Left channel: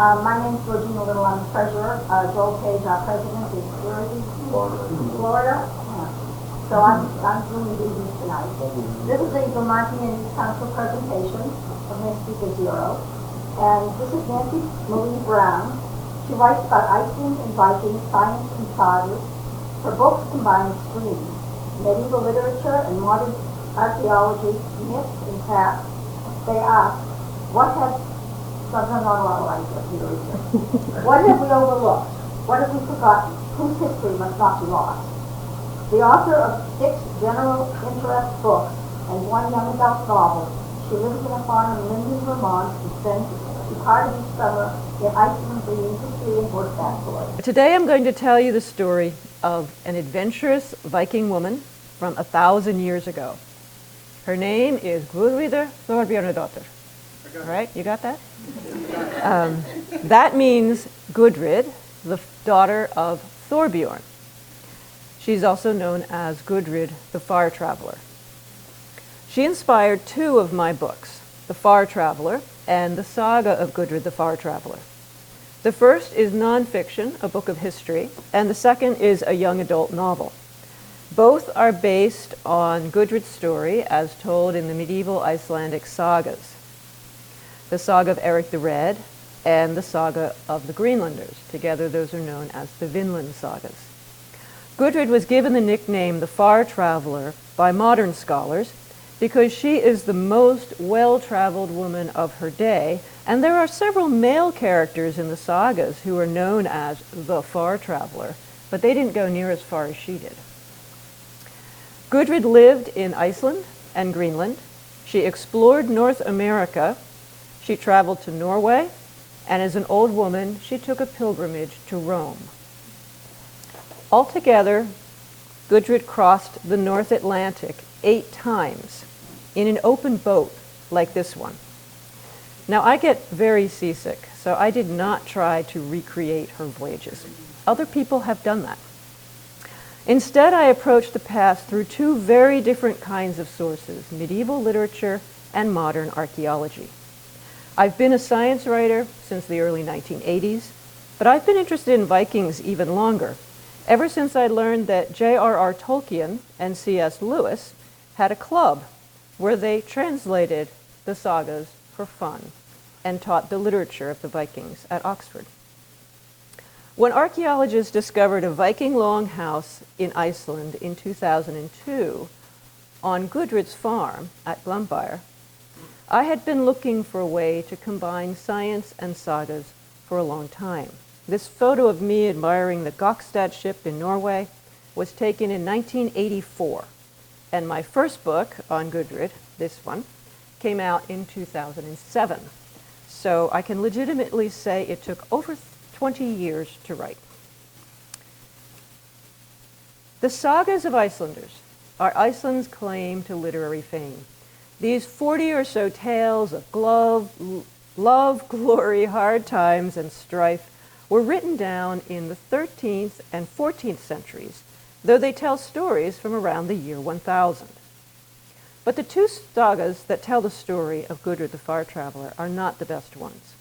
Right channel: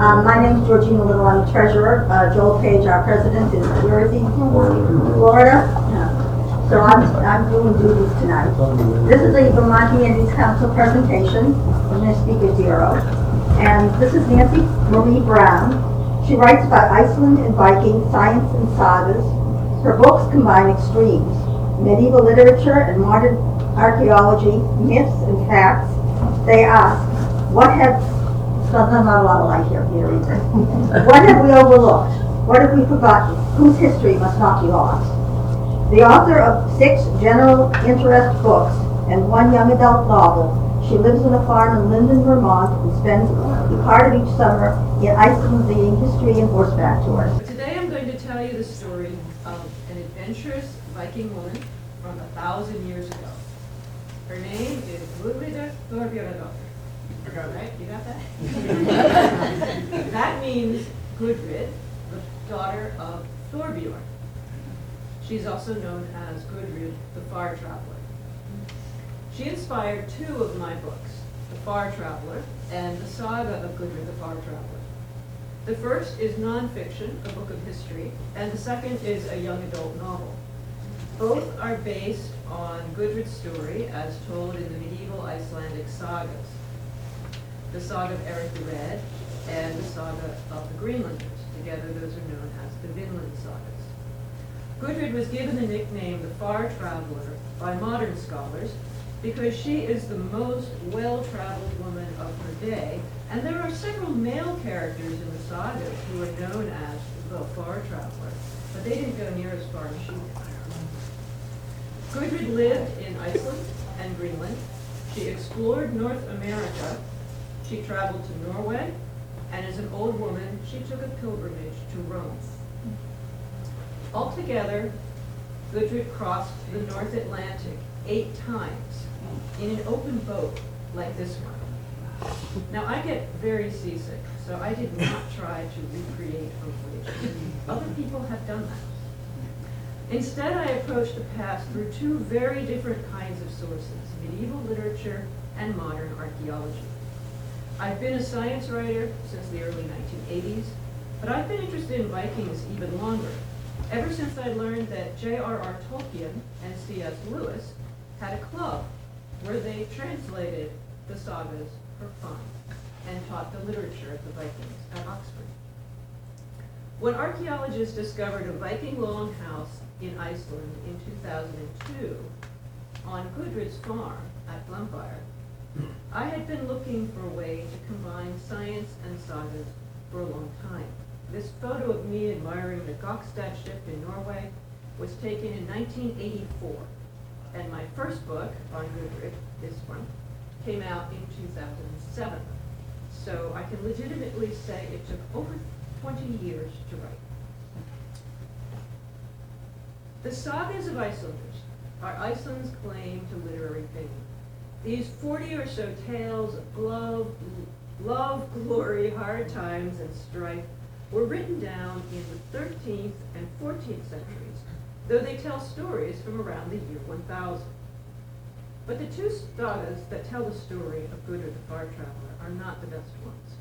My name is Georgina Little. I'm the treasurer. Joel Page, our president, is where is he? Florida. Yeah. So I'm doing duties tonight. This is a Vermont Humanities Council presentation. I'm going to speak at zero. And this is Nancy Marie Brown. She writes about Iceland and Viking, science and sagas. Her books combine extremes: medieval literature and modern archaeology, myths and facts. They ask, what have Sometimes not a lot of light here, what have we overlooked? What have we forgotten? Whose history must not be lost? The author of 6 general interest books and 1 young adult novel, she lives in a farm in Linden, Vermont, and spends part of each summer in Iceland leading history and horseback tours. Today I'm going to tell you the story of an adventurous Viking woman from 1,000 years ago. Her name is Gudrid the Far-Traveler. Right? You got that? That means Gudrid, the daughter of Thorbjorn. She's also known as Gudrid the Far-Traveler. She inspired 2 of my books, The Far-Traveler and The Saga of Gudrid the Far-Traveler. The first is nonfiction, a book of history, and the second is a young adult novel. Both are based on Gudrid's story as told in the medieval Icelandic sagas. The Saga of Eric the Red and the Saga of the Greenlanders. Together, those are known as the Vinland sagas. Gudrid was given the nickname the Far-Traveler by modern scholars because she is the most well-traveled woman of her day, and there are several male characters in the sagas who are known as the Far-Traveler, but they didn't go near as far as she did. Gudrid lived in Iceland and Greenland. She explored North America. She traveled to Norway, and as an old woman, she took a pilgrimage to Rome. Altogether, Gudrid crossed the North Atlantic 8 times in an open boat like this one. Now, I get very seasick, so I did not try to recreate her voyages. Other people have done that. Instead, I approached the past through 2 very different kinds of sources: medieval literature and modern archaeology. I've been a science writer since the early 1980s, but I've been interested in Vikings even longer, ever since I learned that J.R.R. Tolkien and C.S. Lewis had a club where they translated the sagas for fun and taught the literature of the Vikings at Oxford. When archaeologists discovered a Viking longhouse in Iceland in 2002 on Gudrid's farm at Glenbyre, I had been looking for a way to combine science and sagas for a long time. This photo of me admiring the Gokstad ship in Norway was taken in 1984, and my first book on Gudrid, this one, came out in 2007. So I can legitimately say it took over 20 years to write. The sagas of Icelanders are Iceland's claim to literary fame. These 40 or so tales of love, glory, hard times, and strife were written down in the 13th and 14th centuries, though they tell stories from around the year 1000. But the 2 sagas that tell the story of Gudrid the Far-Traveler are not the best ones.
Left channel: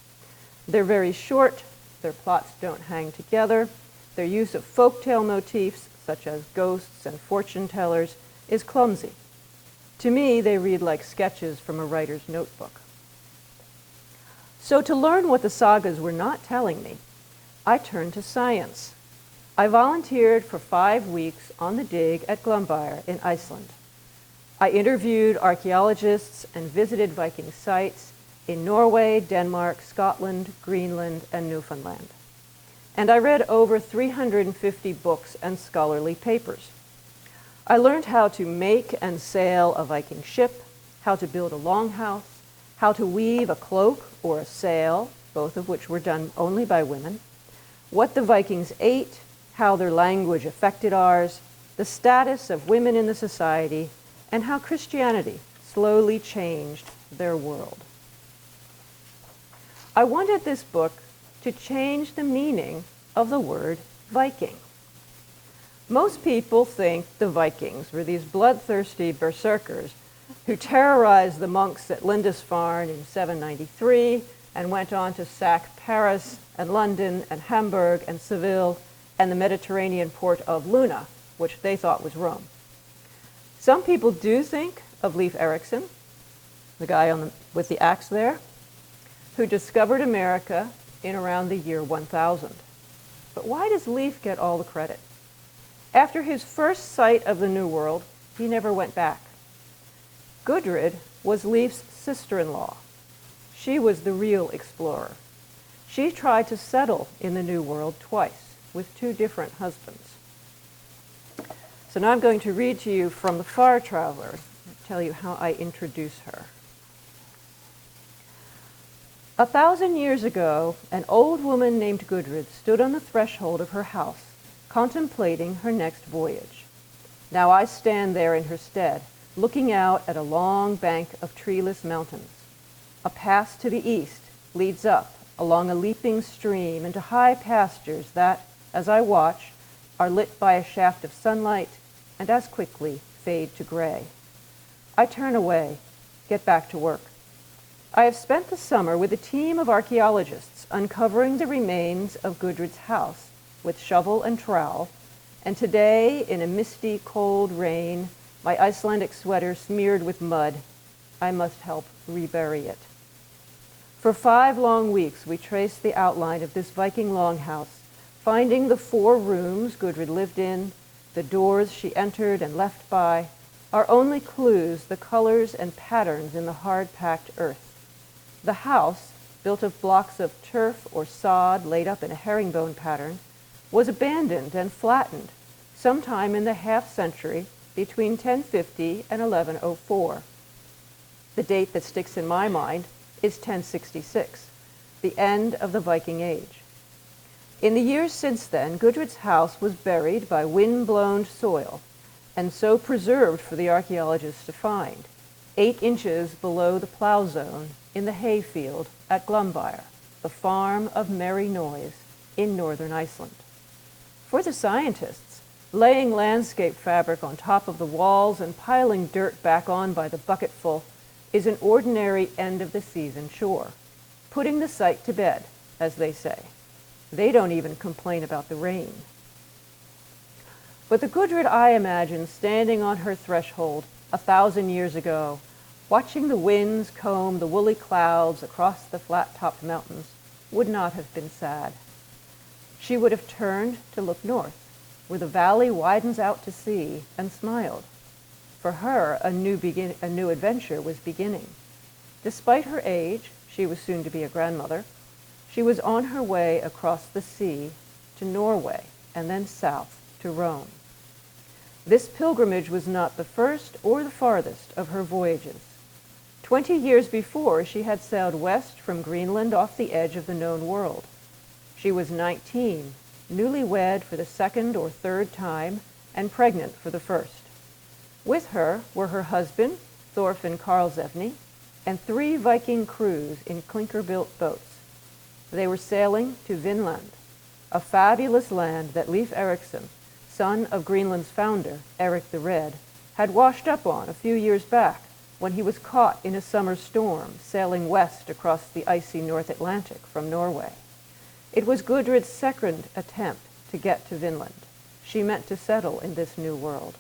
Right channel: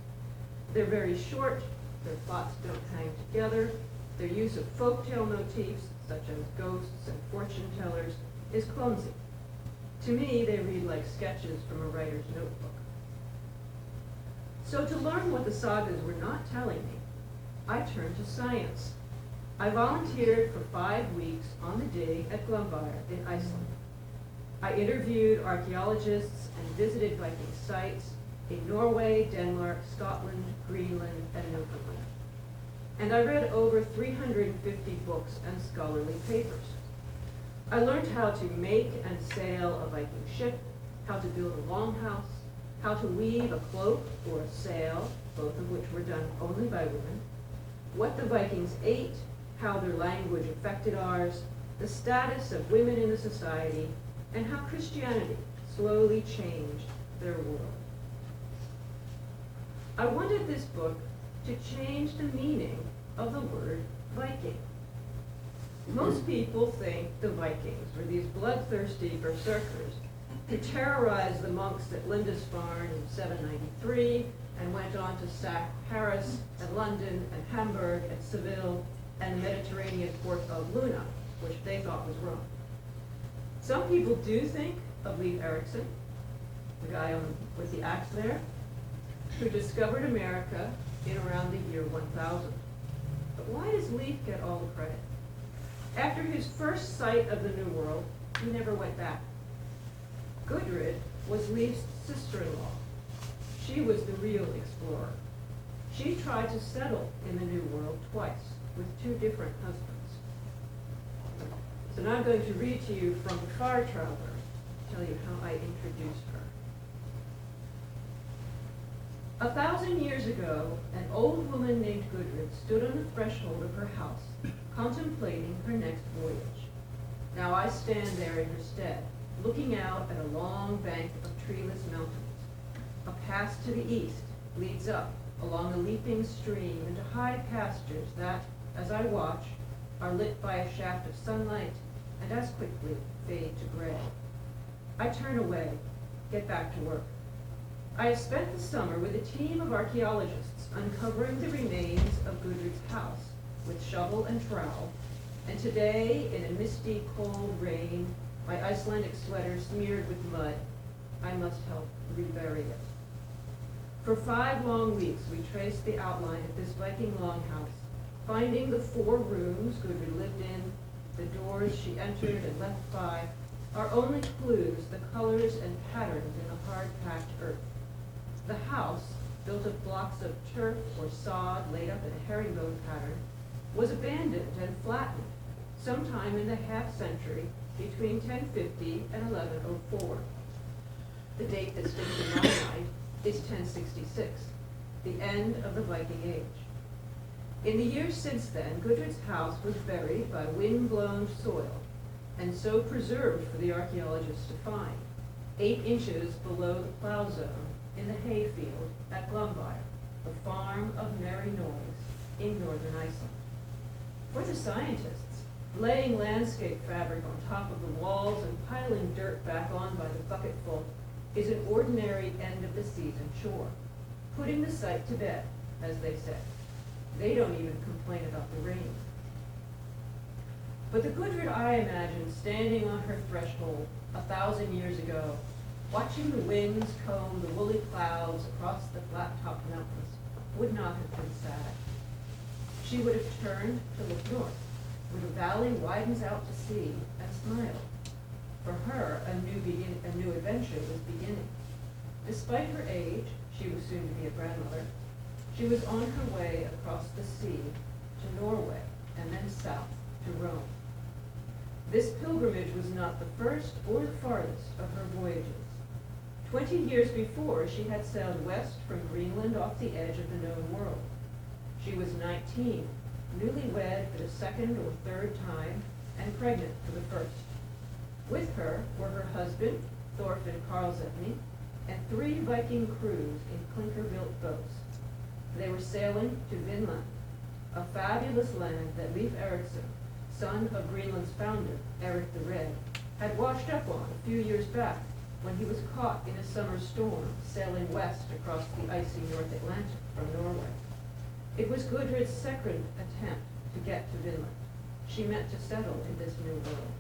They're very short, their plots don't hang together, their use of folktale motifs, such as ghosts and fortune tellers, is clumsy. To me, they read like sketches from a writer's notebook. So to learn what the sagas were not telling me, I turned to science. I volunteered for 5 weeks on the dig at Glenbyre in Iceland. I interviewed archaeologists and visited Viking sites in Norway, Denmark, Scotland, Greenland, and Newfoundland. And I read over 350 books and scholarly papers. I learned how to make and sail a Viking ship, how to build a longhouse, how to weave a cloak or a sail, both of which were done only by women, what the Vikings ate, how their language affected ours, the status of women in the society, and how Christianity slowly changed their world. I wanted this book to change the meaning of the word Viking. Most people think the Vikings were these bloodthirsty berserkers who terrorized the monks at Lindisfarne in 793 and went on to sack Paris and London and Hamburg and Seville and the Mediterranean port of Luna, which they thought was Rome. Some people do think of Leif Eiriksson, the guy with the axe there, who discovered America in around the year 1000. But why does Leif get all the credit? After his first sight of the New World, he never went back. Gudrid was Leif's sister-in-law. She was the real explorer. She tried to settle in the New World twice with 2 different husbands. So now I'm going to read to you from the Far-Traveler, tell you how I introduce her. 1,000 years ago, an old woman named Gudrid stood on the threshold of her house, contemplating her next voyage. Now I stand there in her stead, looking out at a long bank of treeless mountains. A pass to the east leads up along a leaping stream into high pastures that, as I watch, are lit by a shaft of sunlight and as quickly fade to gray. I turn away, get back to work. I have spent the summer with a team of archaeologists uncovering the remains of Gudrid's house with shovel and trowel, and today, in a misty, cold rain, my Icelandic sweater smeared with mud, I must help rebury it. For 5 long weeks, we traced the outline of this Viking longhouse, finding the 4 rooms Gudrid lived in, the doors she entered and left by, our only clues the colors and patterns in the hard-packed earth. The house, built of blocks of turf or sod laid up in a herringbone pattern, was abandoned and flattened sometime in the half-century between 1050 and 1104. The date that sticks in my mind is 1066, the end of the Viking Age. In the years since then, Gudrid's house was buried by wind-blown soil, and so preserved for the archaeologists to find, 8 inches below the plow zone in the hayfield at Glumbyr, the farm of merry noise in northern Iceland. For the scientists, laying landscape fabric on top of the walls and piling dirt back on by the bucketful is an ordinary end-of-the-season chore, putting the site to bed, as they say. They don't even complain about the rain. But the Gudrid I imagine standing on her threshold 1,000 years ago, watching the winds comb the woolly clouds across the flat-topped mountains, would not have been sad. She would have turned to look north, where the valley widens out to sea, and smiled. For her, a new adventure was beginning. Despite her age, she was soon to be a grandmother, she was on her way across the sea to Norway and then south to Rome. This pilgrimage was not the first or the farthest of her voyages. 20 years before, she had sailed west from Greenland off the edge of the known world. She was 19, newlywed for the 2nd or 3rd time, and pregnant for the 1st. With her were her husband, Thorfinn Karlsevne, and 3 Viking crews in clinker-built boats. They were sailing to Vinland, a fabulous land that Leif Eiriksson, son of Greenland's founder, Eric the Red, had washed up on a few years back when he was caught in a summer storm sailing west across the icy North Atlantic from Norway. It was Gudrid's 2nd attempt to get to Vinland. She meant to settle in this new world.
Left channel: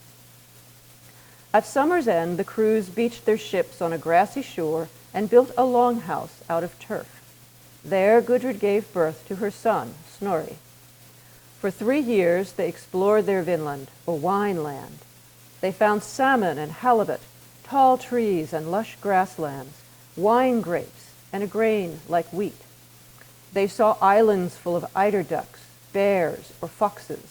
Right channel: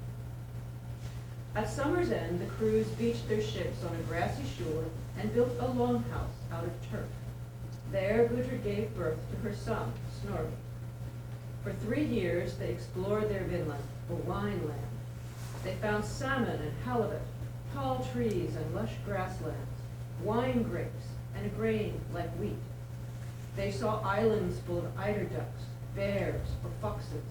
At summer's end, the crews beached their ships on a grassy shore and built a longhouse out of turf. There, Gudrid gave birth to her son, Snorri. For 3 years, they explored their Vinland, or wine land. They found salmon and halibut, tall trees and lush grasslands, wine grapes, and a grain like wheat. They saw islands full of eider ducks, bears, or foxes,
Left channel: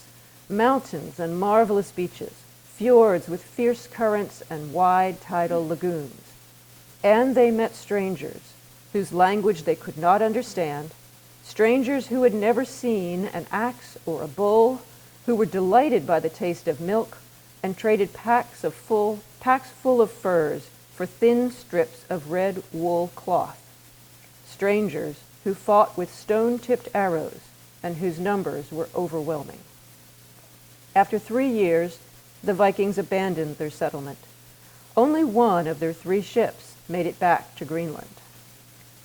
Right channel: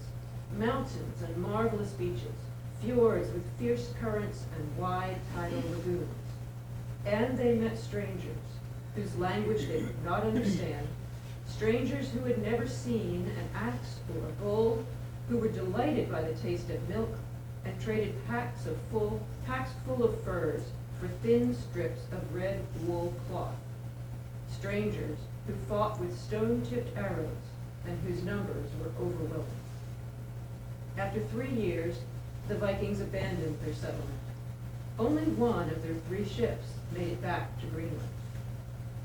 mountains and marvelous beaches, fjords with fierce currents and wide tidal lagoons. And they met strangers, whose language they could not understand, strangers who had never seen an axe or a bull, who were delighted by the taste of milk and traded packs full of furs for thin strips of red wool cloth. Strangers who fought with stone-tipped arrows and whose numbers were overwhelming. After 3 years, the Vikings abandoned their settlement. Only one of their 3 ships made it back to Greenland.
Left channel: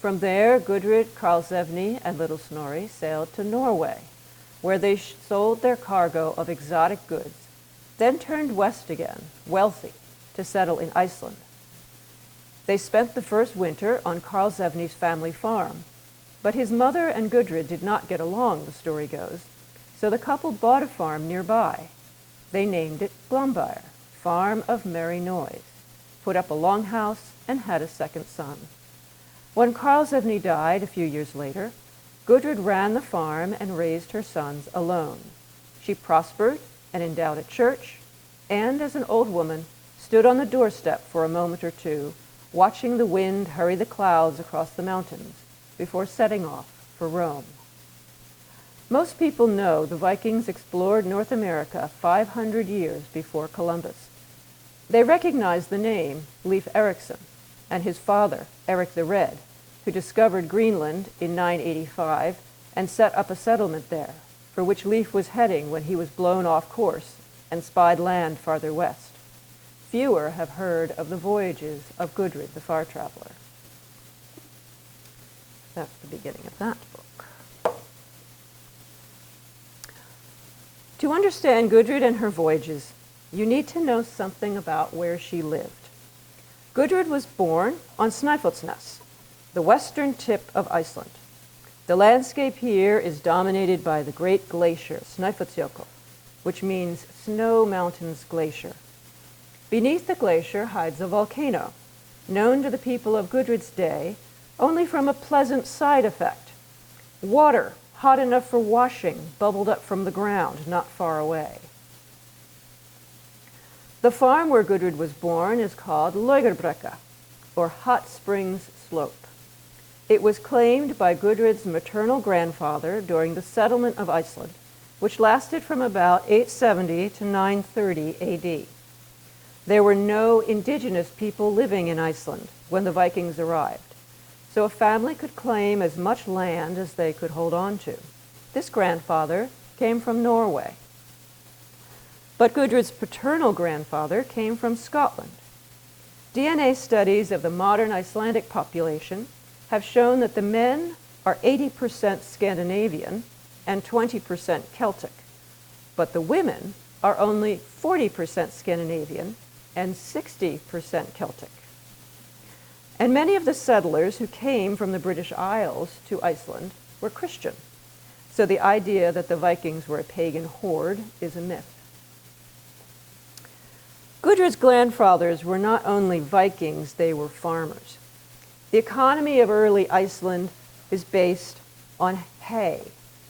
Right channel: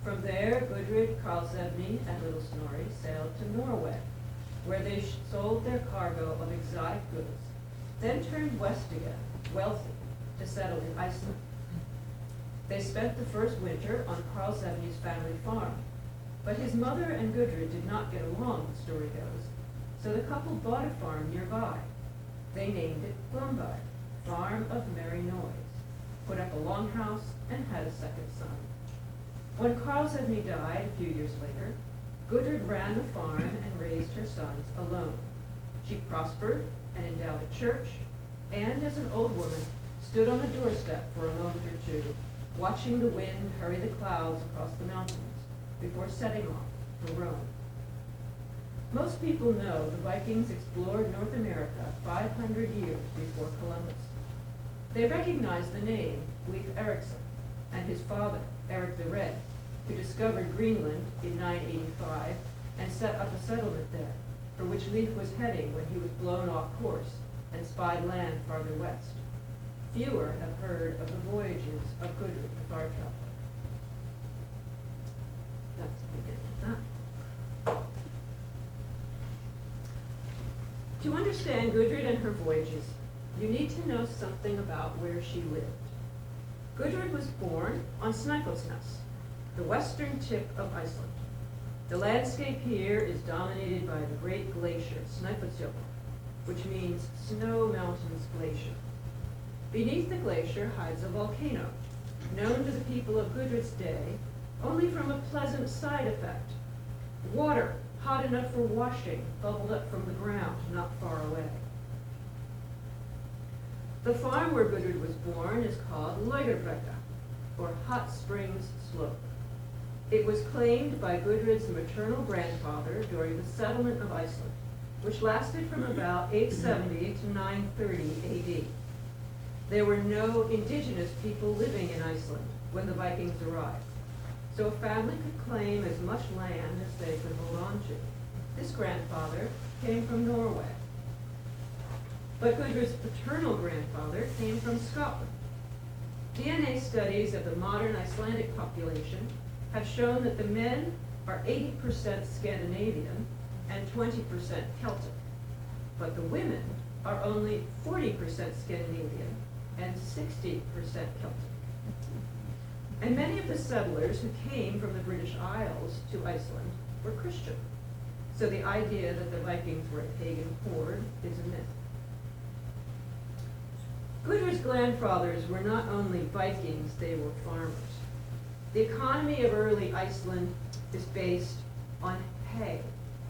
From there, Gudrid, Karlsevne, and Little Snorri sailed to Norway, where they sold their cargo of exotic goods, then turned west again, wealthy, to settle in Iceland. They spent the first winter on Karlsevne's family farm, but his mother and Gudrid did not get along, the story goes, so the couple bought a farm nearby. They named it Glombyr, Farm of Merry Noise, put up a longhouse, and had a second son. When Karlsevne died a few years later, Gudrid ran the farm and raised her sons alone. She prospered and endowed a church, and as an old woman, stood on the doorstep for a moment or two, watching the wind hurry the clouds across the mountains before setting off for Rome. Most people know the Vikings explored North America 500 years before Columbus. They recognize the name Leif Eiriksson and his father, Eric the Red, who discovered Greenland in 985 and set up a settlement there, for which Leif was heading when he was blown off course and spied land farther west. Fewer have heard of the voyages of Gudrid the Far-Traveler. That's the beginning of that book. To understand Gudrid and her voyages, you need to know something about where she lived. Gudrid was born on Snæfellsnes, the western tip of Iceland. The landscape here is dominated by the great glacier, Snæfellsjökull, which means Snow Mountains Glacier. Beneath the glacier hides a volcano, known to the people of Gudrid's day only from a pleasant side effect. Water, hot enough for washing, bubbled up from the ground not far away. The farm where Gudrid was born is called Laugerbrekka, or Hot Springs Slope. It was claimed by Gudrid's maternal grandfather during the settlement of Iceland, which lasted from about 870 to 930 AD. There were no indigenous people living in Iceland when the Vikings arrived, so a family could claim as much land as they could hold on to. This grandfather came from Norway. But Gudrid's paternal grandfather came from Scotland. DNA studies of the modern Icelandic population have shown that the men are 80% Scandinavian and 20% Celtic, but the women are only 40% Scandinavian and 60% Celtic. And many of the settlers who came from the British Isles to Iceland were Christian, so the idea that the Vikings were a pagan horde is a myth. Gudrid's grandfathers were not only Vikings, they were farmers. The economy of early Iceland is based on hay,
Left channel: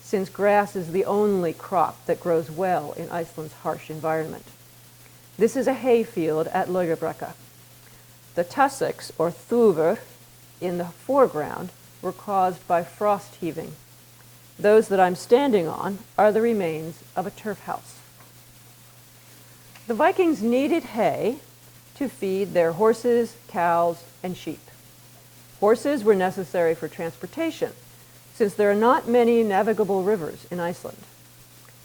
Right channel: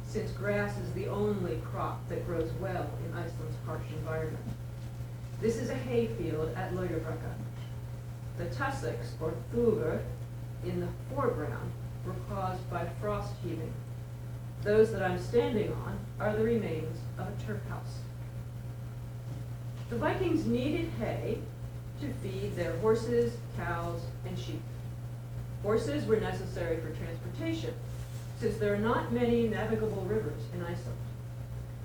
since grass is the only crop that grows well in Iceland's harsh environment. This is a hay field at Laugerbrekka. The tussocks, or thuvur, in the foreground were caused by frost heaving. Those that I'm standing on are the remains of a turf house. The Vikings needed hay to feed their horses, cows, and sheep. Horses were necessary for transportation, since there are not many navigable rivers in Iceland.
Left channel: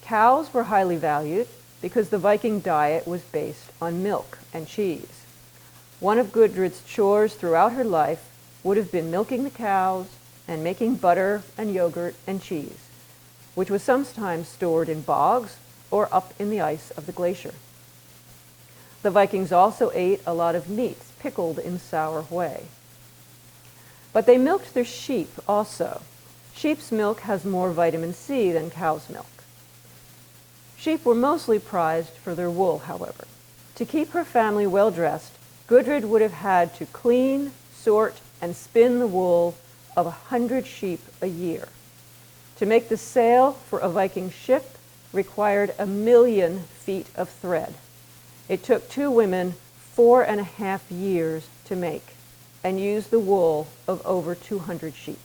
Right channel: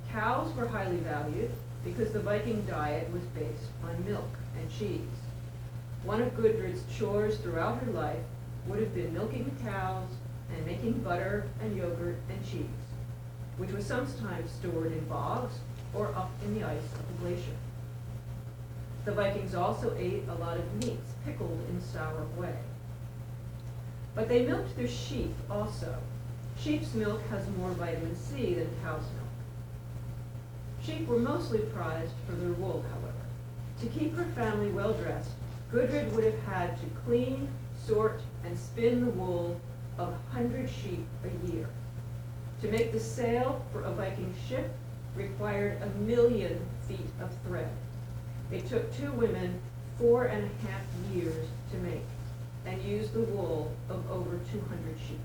Cows were highly valued because the Viking diet was based on milk and cheese. One of Gudrid's chores throughout her life would have been milking the cows and making butter and yogurt and cheese, which was sometimes stored in bogs or up in the ice of the glacier. The Vikings also ate a lot of meats pickled in sour whey. But they milked their sheep also. Sheep's milk has more vitamin C than cow's milk. Sheep were mostly prized for their wool, however. To keep her family well dressed, Gudrid would have had to clean, sort, and spin the wool of 100 sheep a year. To make the sail for a Viking ship required 1,000,000 feet of thread. It took 2 women 4.5 years to make and used the wool of over 200 sheep.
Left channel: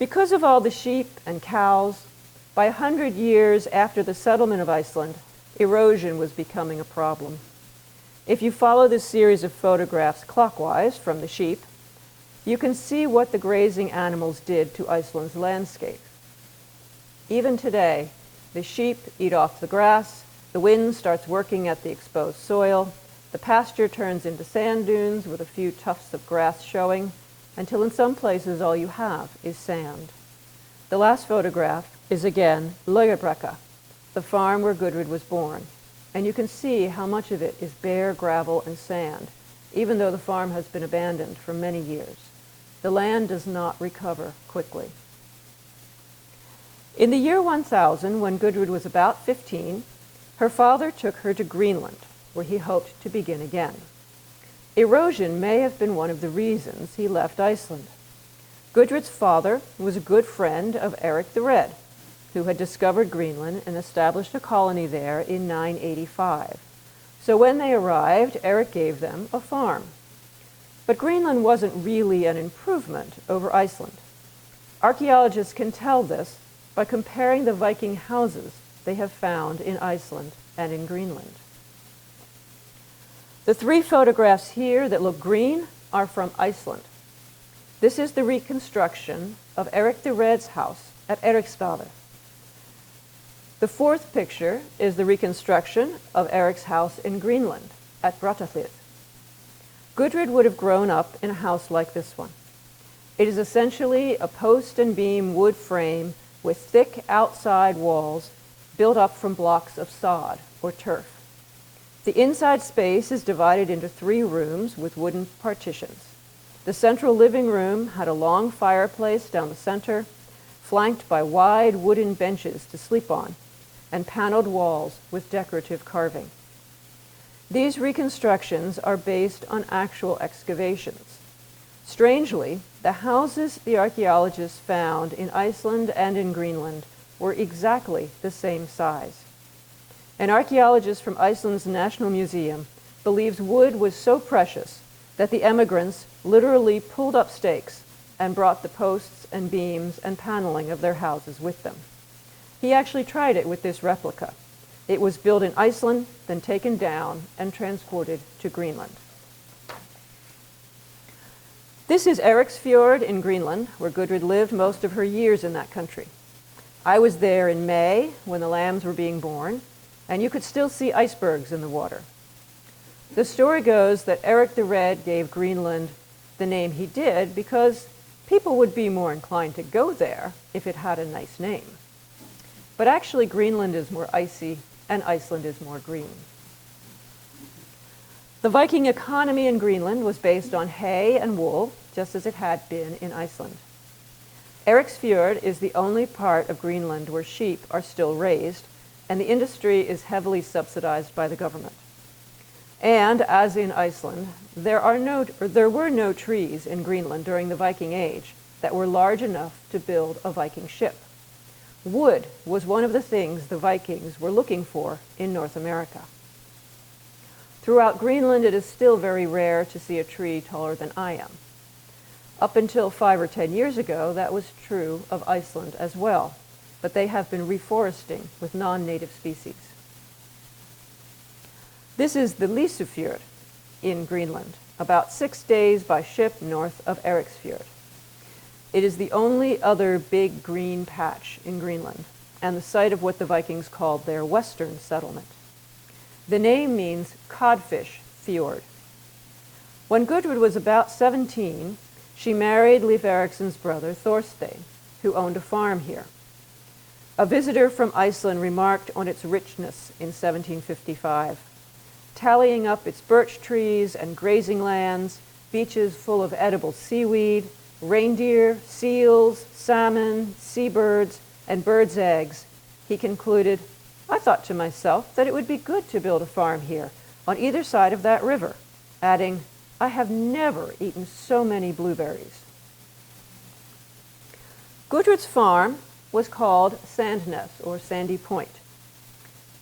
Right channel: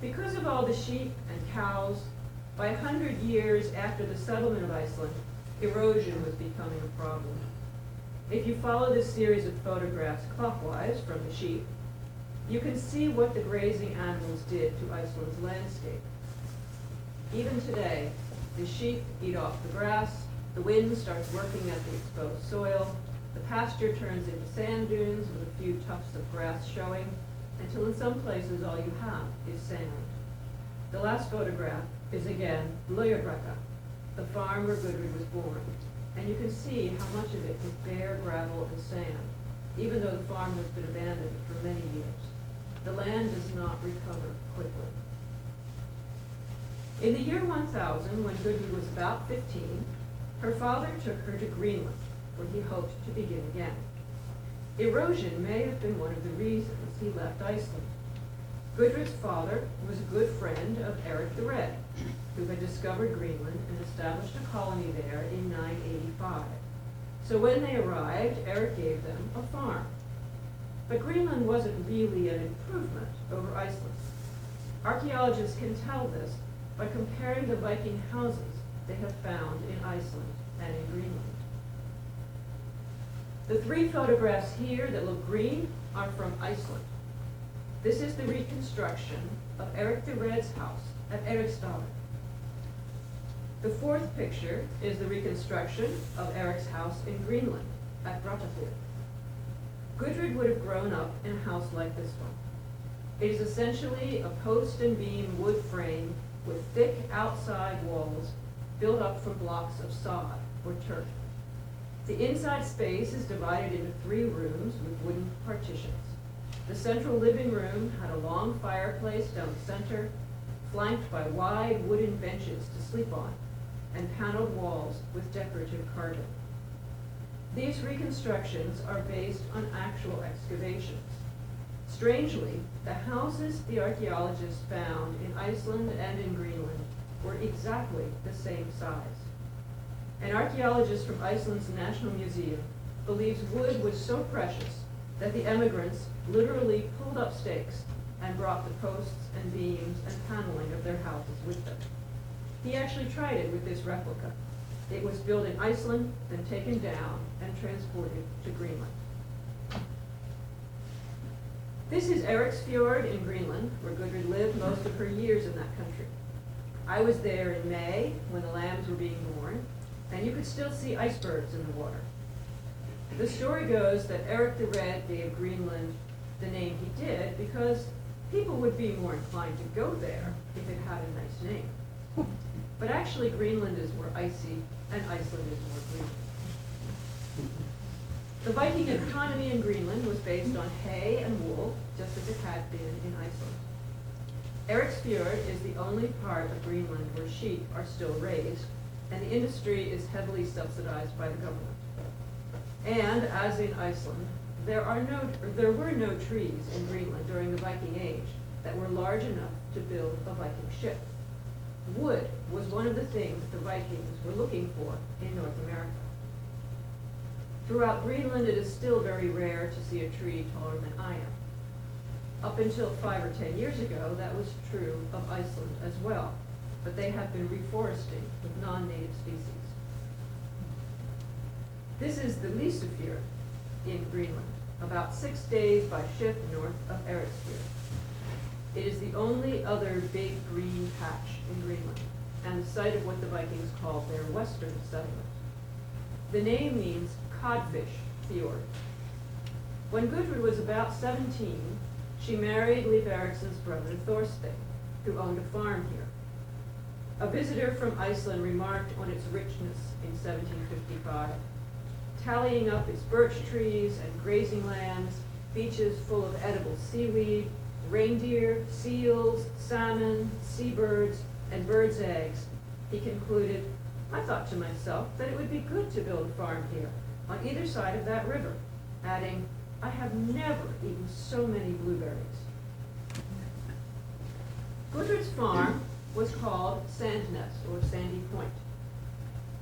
Because of all the sheep and cows, by 100 years after the settlement of Iceland, erosion was becoming a problem. If you follow this series of photographs clockwise from the sheep, you can see what the grazing animals did to Iceland's landscape. Even today, the sheep eat off the grass, the wind starts working at the exposed soil, the pasture turns into sand dunes with a few tufts of grass showing, until in some places all you have is sand. The last photograph is again Løyabrekka, the farm where Gudrid was born, and you can see how much of it is bare gravel and sand, even though the farm has been abandoned for many years. The land does not recover quickly. In the year 1000, when Gudrid was about 15, her father took her to Greenland, where he hoped to begin again. Erosion may have been one of the reasons he left Iceland. Gudrid's father was a good friend of Eric the Red, who had discovered Greenland and established a colony there in 985. So when they arrived, Eric gave them a farm. But Greenland wasn't really an improvement over Iceland. Archaeologists can tell this by comparing the Viking houses they have found in Iceland and in Greenland. The three photographs here that look green are from Iceland. This is the reconstruction of Eric the Red's house at Eiriksstaðir. The fourth picture is the reconstruction of Eric's house in Greenland at Brattahlid. Gudrid would have grown up in a house like this one. It is essentially a post and beam wood frame with thick outside walls built up from blocks of sod or turf. The inside space is divided into 3 rooms with wooden partitions. The central living room had a long fireplace down the center, flanked by wide wooden benches to sleep on, and paneled walls with decorative carving. These reconstructions are based on actual excavations. Strangely, the houses the archaeologists found in Iceland and in Greenland were exactly the same size. An archaeologist from Iceland's National Museum believes wood was so precious that the emigrants literally pulled up stakes and brought the posts and beams and paneling of their houses with them. He actually tried it with this replica. It was built in Iceland, then taken down and transported to Greenland. This is Eriksfjord in Greenland, where Gudrid lived most of her years in that country. I was there in May when the lambs were being born, and you could still see icebergs in the water. The story goes that Eric the Red gave Greenland the name he did because people would be more inclined to go there if it had a nice name. But actually, Greenland is more icy and Iceland is more green. The Viking economy in Greenland was based on hay and wool, just as it had been in Iceland. Eriksfjord is the only part of Greenland where sheep are still raised, and the industry is heavily subsidized by the government. And as in Iceland, there were no trees in Greenland during the Viking Age that were large enough to build a Viking ship. Wood was one of the things the Vikings were looking for in North America. Throughout Greenland, it is still very rare to see a tree taller than I am. Up until 5 or 10 years ago, that was true of Iceland as well, but they have been reforesting with non-native species. This is the Lysufjord in Greenland, about 6 days by ship north of Eriksfjord. It is the only other big green patch in Greenland, and the site of what the Vikings called their western settlement. The name means codfish fjord. When Gudrid was about 17, she married Leif Eiriksson's brother Thorstein, who owned a farm here. A visitor from Iceland remarked on its richness in 1755, tallying up its birch trees and grazing lands, beaches full of edible seaweed, reindeer, seals, salmon, seabirds, and birds' eggs. He concluded, "I thought to myself that it would be good to build a farm here on either side of that river," adding, "I have never eaten so many blueberries." Gudrid's farm was called Sandnes, or Sandy Point.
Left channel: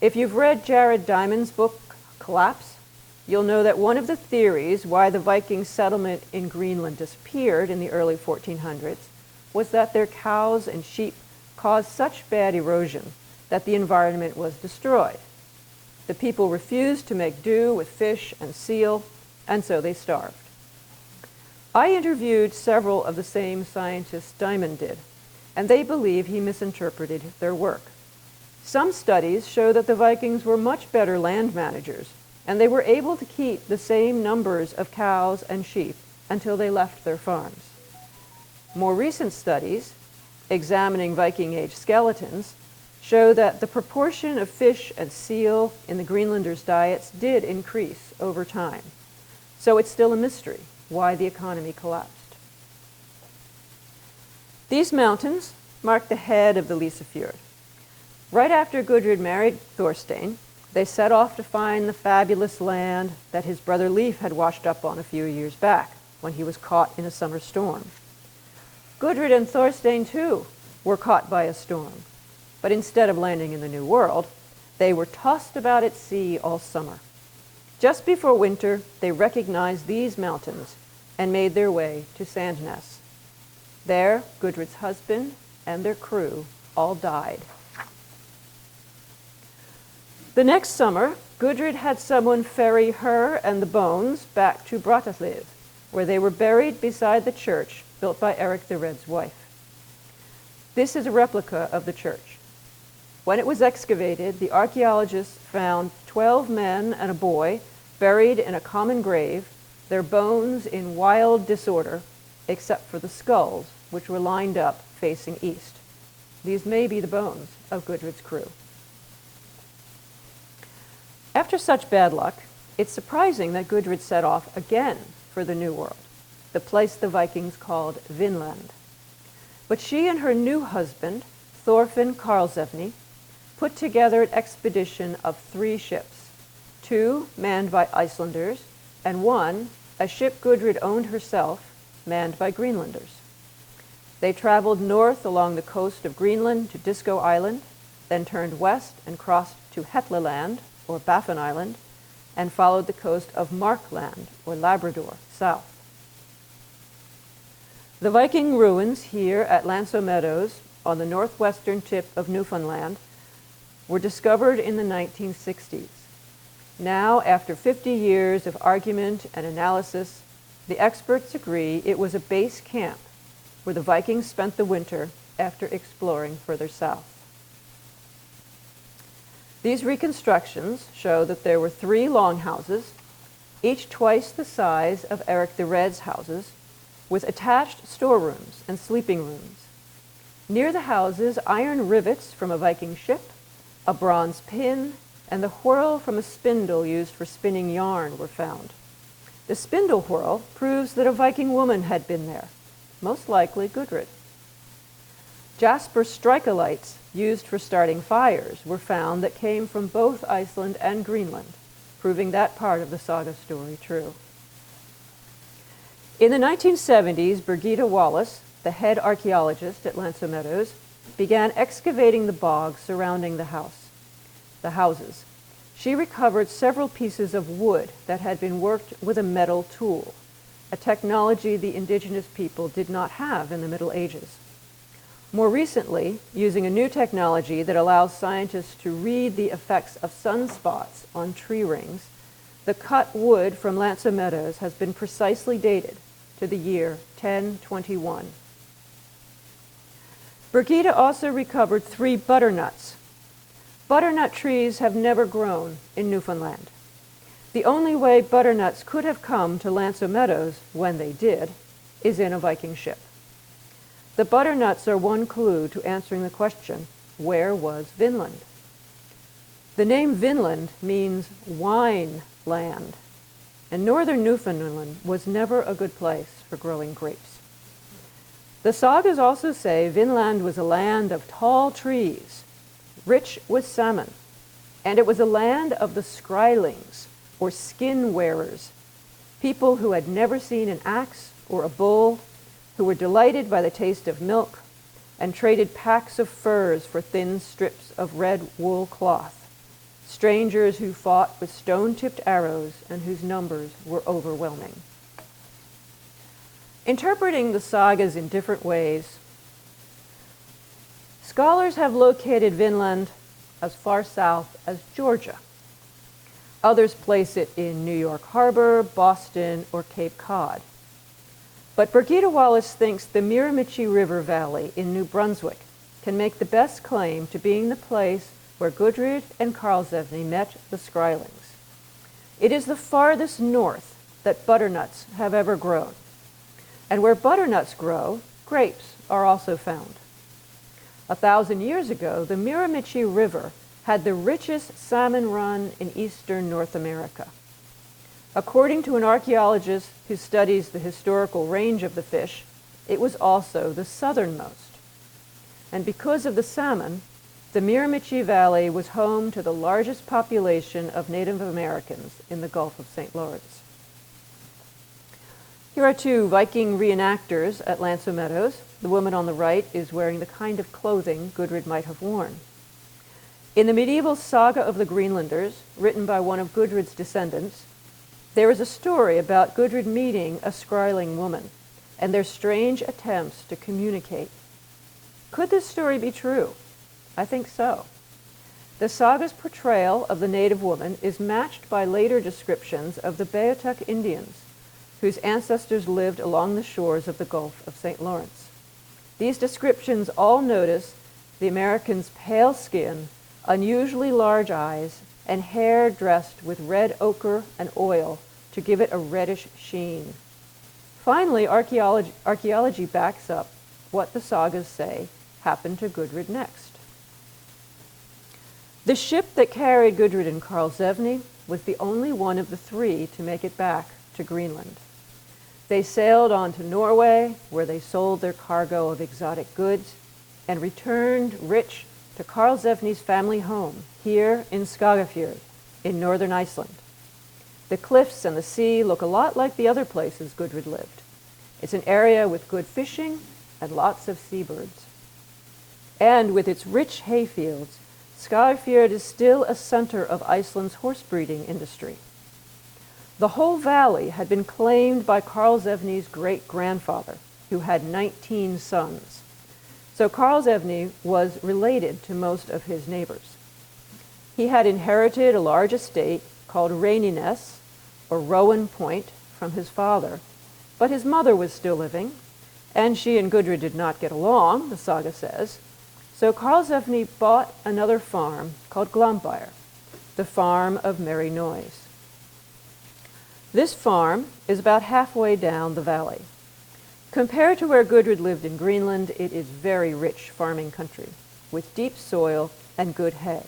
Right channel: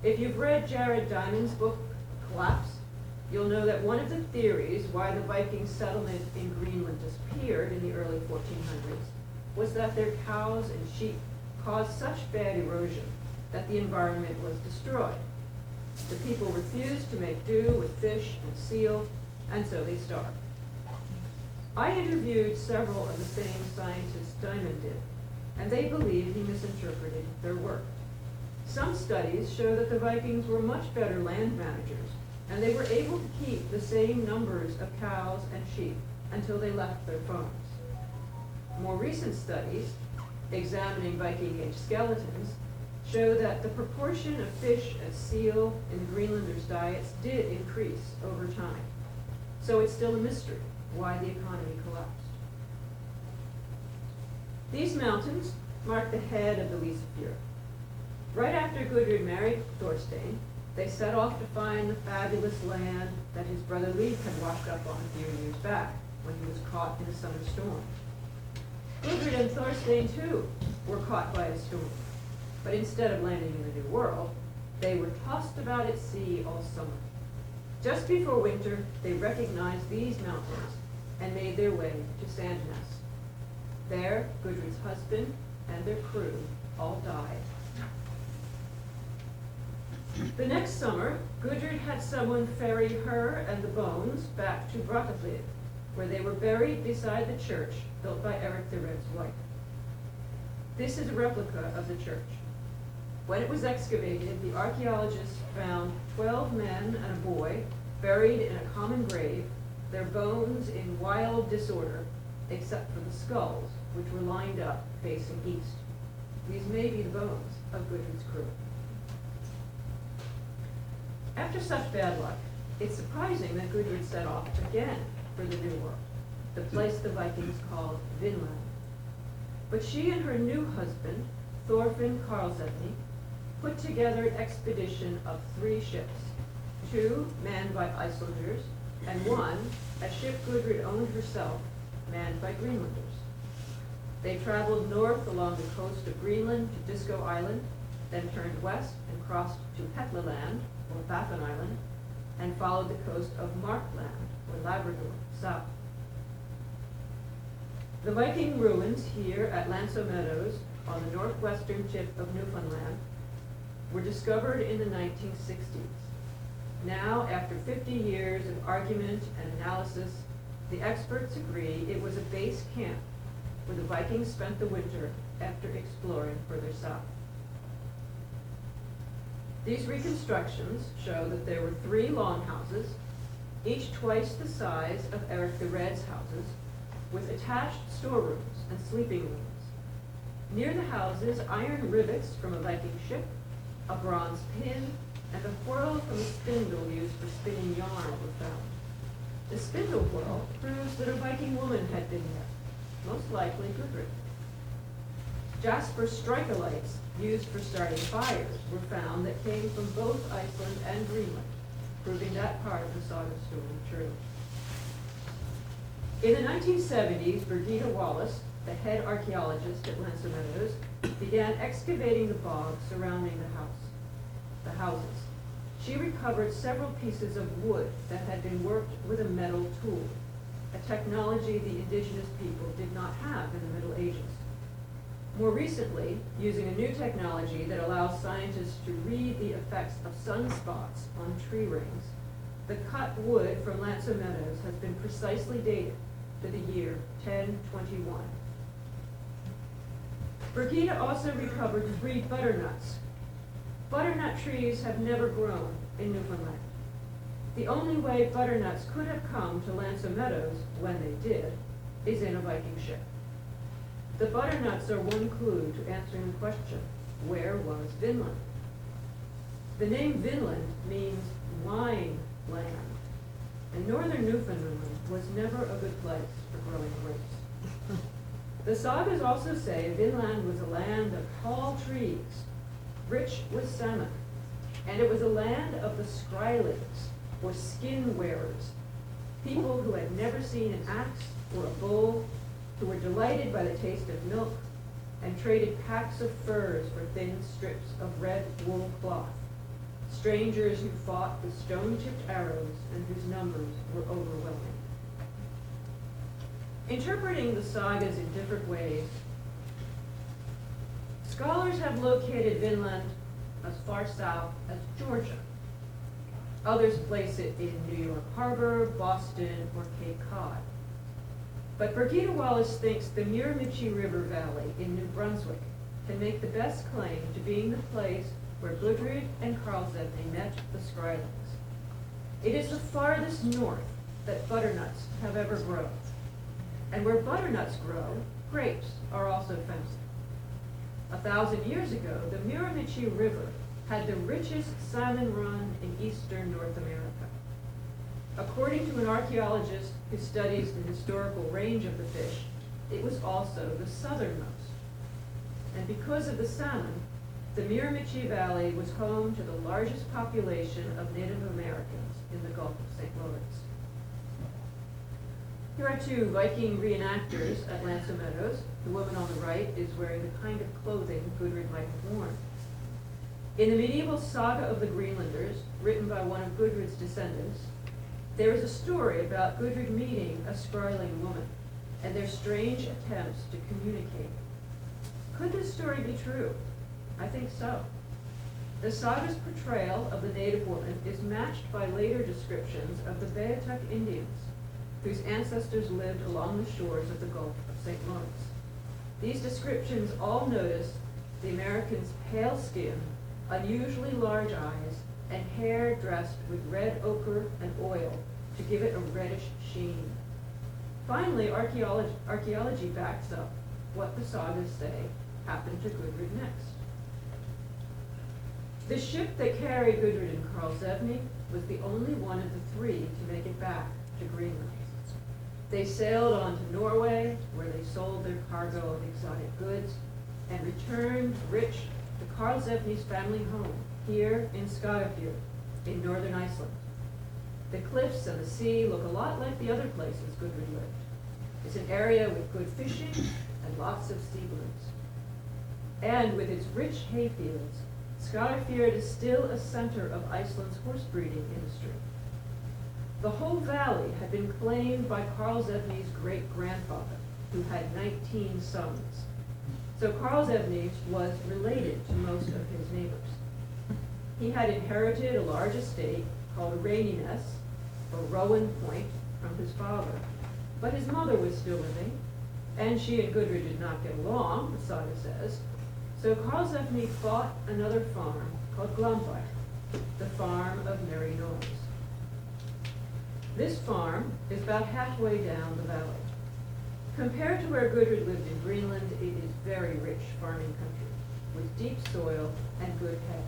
If you've read Jared Diamond's book, Collapse, you'll know that one of the theories why the Viking settlement in Greenland disappeared in the early 1400s was that their cows and sheep caused such bad erosion that the environment was destroyed. The people refused to make do with fish and seal, and so they starved. I interviewed several of the same scientists Diamond did, and they believe he misinterpreted their work. Some studies show that the Vikings were much better land managers, and they were able to keep the same numbers of cows and sheep until they left their farms. More recent studies, examining Viking Age skeletons, show that the proportion of fish and seal in the Greenlanders' diets did increase over time. So it's still a mystery why the economy collapsed. These mountains mark the head of the Lysefjord. Right after Gudrid married Thorstein, they set off to find the fabulous land that his brother Leif had washed up on a few years back when he was caught in a summer storm. Gudrid and Thorstein, too, were caught by a storm, but instead of landing in the New World, they were tossed about at sea all summer. Just before winter, they recognized these mountains and made their way to Sandnes. There, Gudrid's husband and their crew all died. The next summer, Gudrid had someone ferry her and the bones back to Brattahlid, where they were buried beside the church built by Eirik the Red's wife. This is a replica of the church. When it was excavated, the archaeologists found 12 men and a boy buried in a common grave, their bones in wild disorder, except for the skulls, which were lined up facing east. These may be the bones of Gudrid's crew. After such bad luck, it's surprising that Gudrid set off again for the New World, the place the Vikings called Vinland. But she and her new husband, Thorfinn Karlsevne, put together an expedition of 3 ships, 2 manned by Icelanders, and 1, a ship Gudrid owned herself, manned by Greenlanders. They traveled north along the coast of Greenland to Disco Island, then turned west and crossed to Hetlaland, or Baffin Island, and followed the coast of Markland, or Labrador, south. The Viking ruins here at Lanso Meadows, on the northwestern tip of Newfoundland, were discovered in the 1960s. Now, after 50 years of argument and analysis, the experts agree it was a base camp where the Vikings spent the winter after exploring further south. These reconstructions show that there were 3 longhouses, each twice the size of Eirik the Red's houses, with attached storerooms and sleeping rooms. Near the houses, iron rivets from a Viking ship, a bronze pin, and the whorl from a spindle used for spinning yarn were found. The spindle whorl proves that a Viking woman had been there, most likely Gudrid. Jasper strikolites used for starting fires were found that came from both Iceland and Greenland, proving that part of the saga story true. In the 1970s, Birgitta Wallace, the head archaeologist at Lanso Meadows, began excavating the bog surrounding the houses. She recovered several pieces of wood that had been worked with a metal tool, a technology the indigenous people did not have in the Middle Ages. More recently, using a new technology that allows scientists to read the effects of sunspots on tree rings, the cut wood from Lanso Meadows has been precisely dated to the year 1021. Birgitta also recovered 3 butternuts. Butternut trees have never grown in Newfoundland. The only way butternuts could have come to Lanso Meadows, when they did, is in a Viking ship. The butternuts are one clue to answering the question, where was Vinland? The name Vinland means wine land, and northern Newfoundland was never a good place for growing grapes. The sagas also say Vinland was a land of tall trees, rich with salmon, and it was a land of the skrylings, or skin wearers, people who had never seen an axe or a bull, who were delighted by the taste of milk and traded packs of furs for thin strips of red wool cloth, strangers who fought with stone-tipped arrows and whose numbers were overwhelming. Interpreting the sagas in different ways, scholars have located Vinland as far south as Georgia. Others place it in New York Harbor, Boston, or Cape Cod. But Birgitta Wallace thinks the Miramichi River Valley in New Brunswick can make the best claim to being the place where Gudrid and Karlsevne met the skrylings. It is the farthest north that butternuts have ever grown. And where butternuts grow, grapes are also found. 1,000 years ago, the Miramichi River had the richest salmon run in eastern North America. According to an archaeologist who studies the historical range of the fish, it was also the southernmost. And because of the salmon, the Miramichi Valley was home to the largest population of Native Americans in the Gulf of St. Lawrence. Here are two Viking reenactors at Lanso Meadows. The woman on the right is wearing the kind of clothing Gudrid might have worn. In the medieval saga of the Greenlanders, written by one of Gudrid's descendants, there is a story about Gudrid meeting a scrying woman and their strange attempts to communicate. Could this story be true? I think so. The saga's portrayal of the native woman is matched by later descriptions of the Beothuk Indians, whose ancestors lived along the shores of the Gulf of St. Lawrence. These descriptions all notice the Americans' pale skin, unusually large eyes, and hair dressed with red ochre and oil to give it a reddish sheen. Finally, archaeology backs up what the sagas say happened to Gudrid next. The ship that carried Gudrid and Karlsevne was the only one of the three to make it back to Greenland. They sailed on to Norway, where they sold their cargo of exotic goods, and returned rich to Karlsevne's family home here in Skagafjord in northern Iceland. The cliffs and the sea look a lot like the other places Gudrid lived. It's an area with good fishing and lots of seabirds. And with its rich hayfields, Skagafjord is still a center of Iceland's horse breeding industry. The whole valley had been claimed by Karlsevne's great-grandfather, who had 19 sons. So Karlsevne was related to most of his neighbors. He had inherited a large estate called Reyniness, or Rowan Point, from his father, but his mother was still living, and she and Gudrid did not get along, the saga says. So Karlsevne bought another farm called Glombyr, the farm of merry noise. This farm is about halfway down the valley. Compared to where Gudrid lived in Greenland, it is very rich farming country, with deep soil and good hay.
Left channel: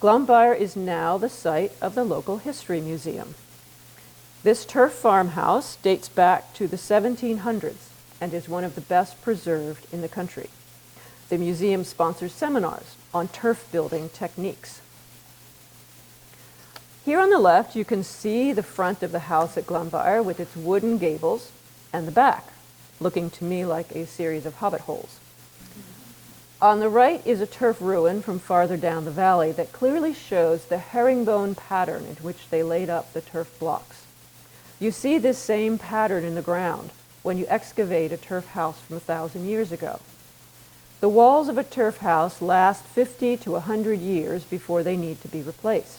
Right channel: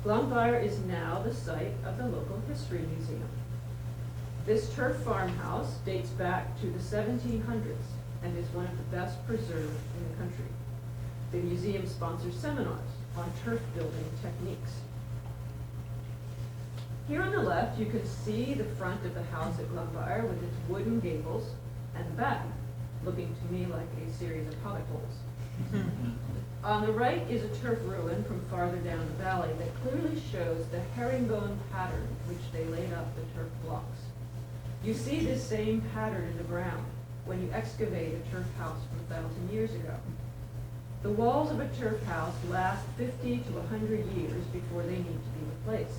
Glombyr is now the site of the local history museum. This turf farmhouse dates back to the 1700s and is one of the best preserved in the country. The museum sponsors seminars on turf building techniques. Here on the left, you can see the front of the house at Glombyr with its wooden gables and the back, looking to me like a series of hobbit holes. On the right is a turf ruin from farther down the valley that clearly shows the herringbone pattern in which they laid up the turf blocks. You see this same pattern in the ground when you excavate a turf house from 1,000 years ago. The walls of a turf house last 50 to 100 years before they need to be replaced.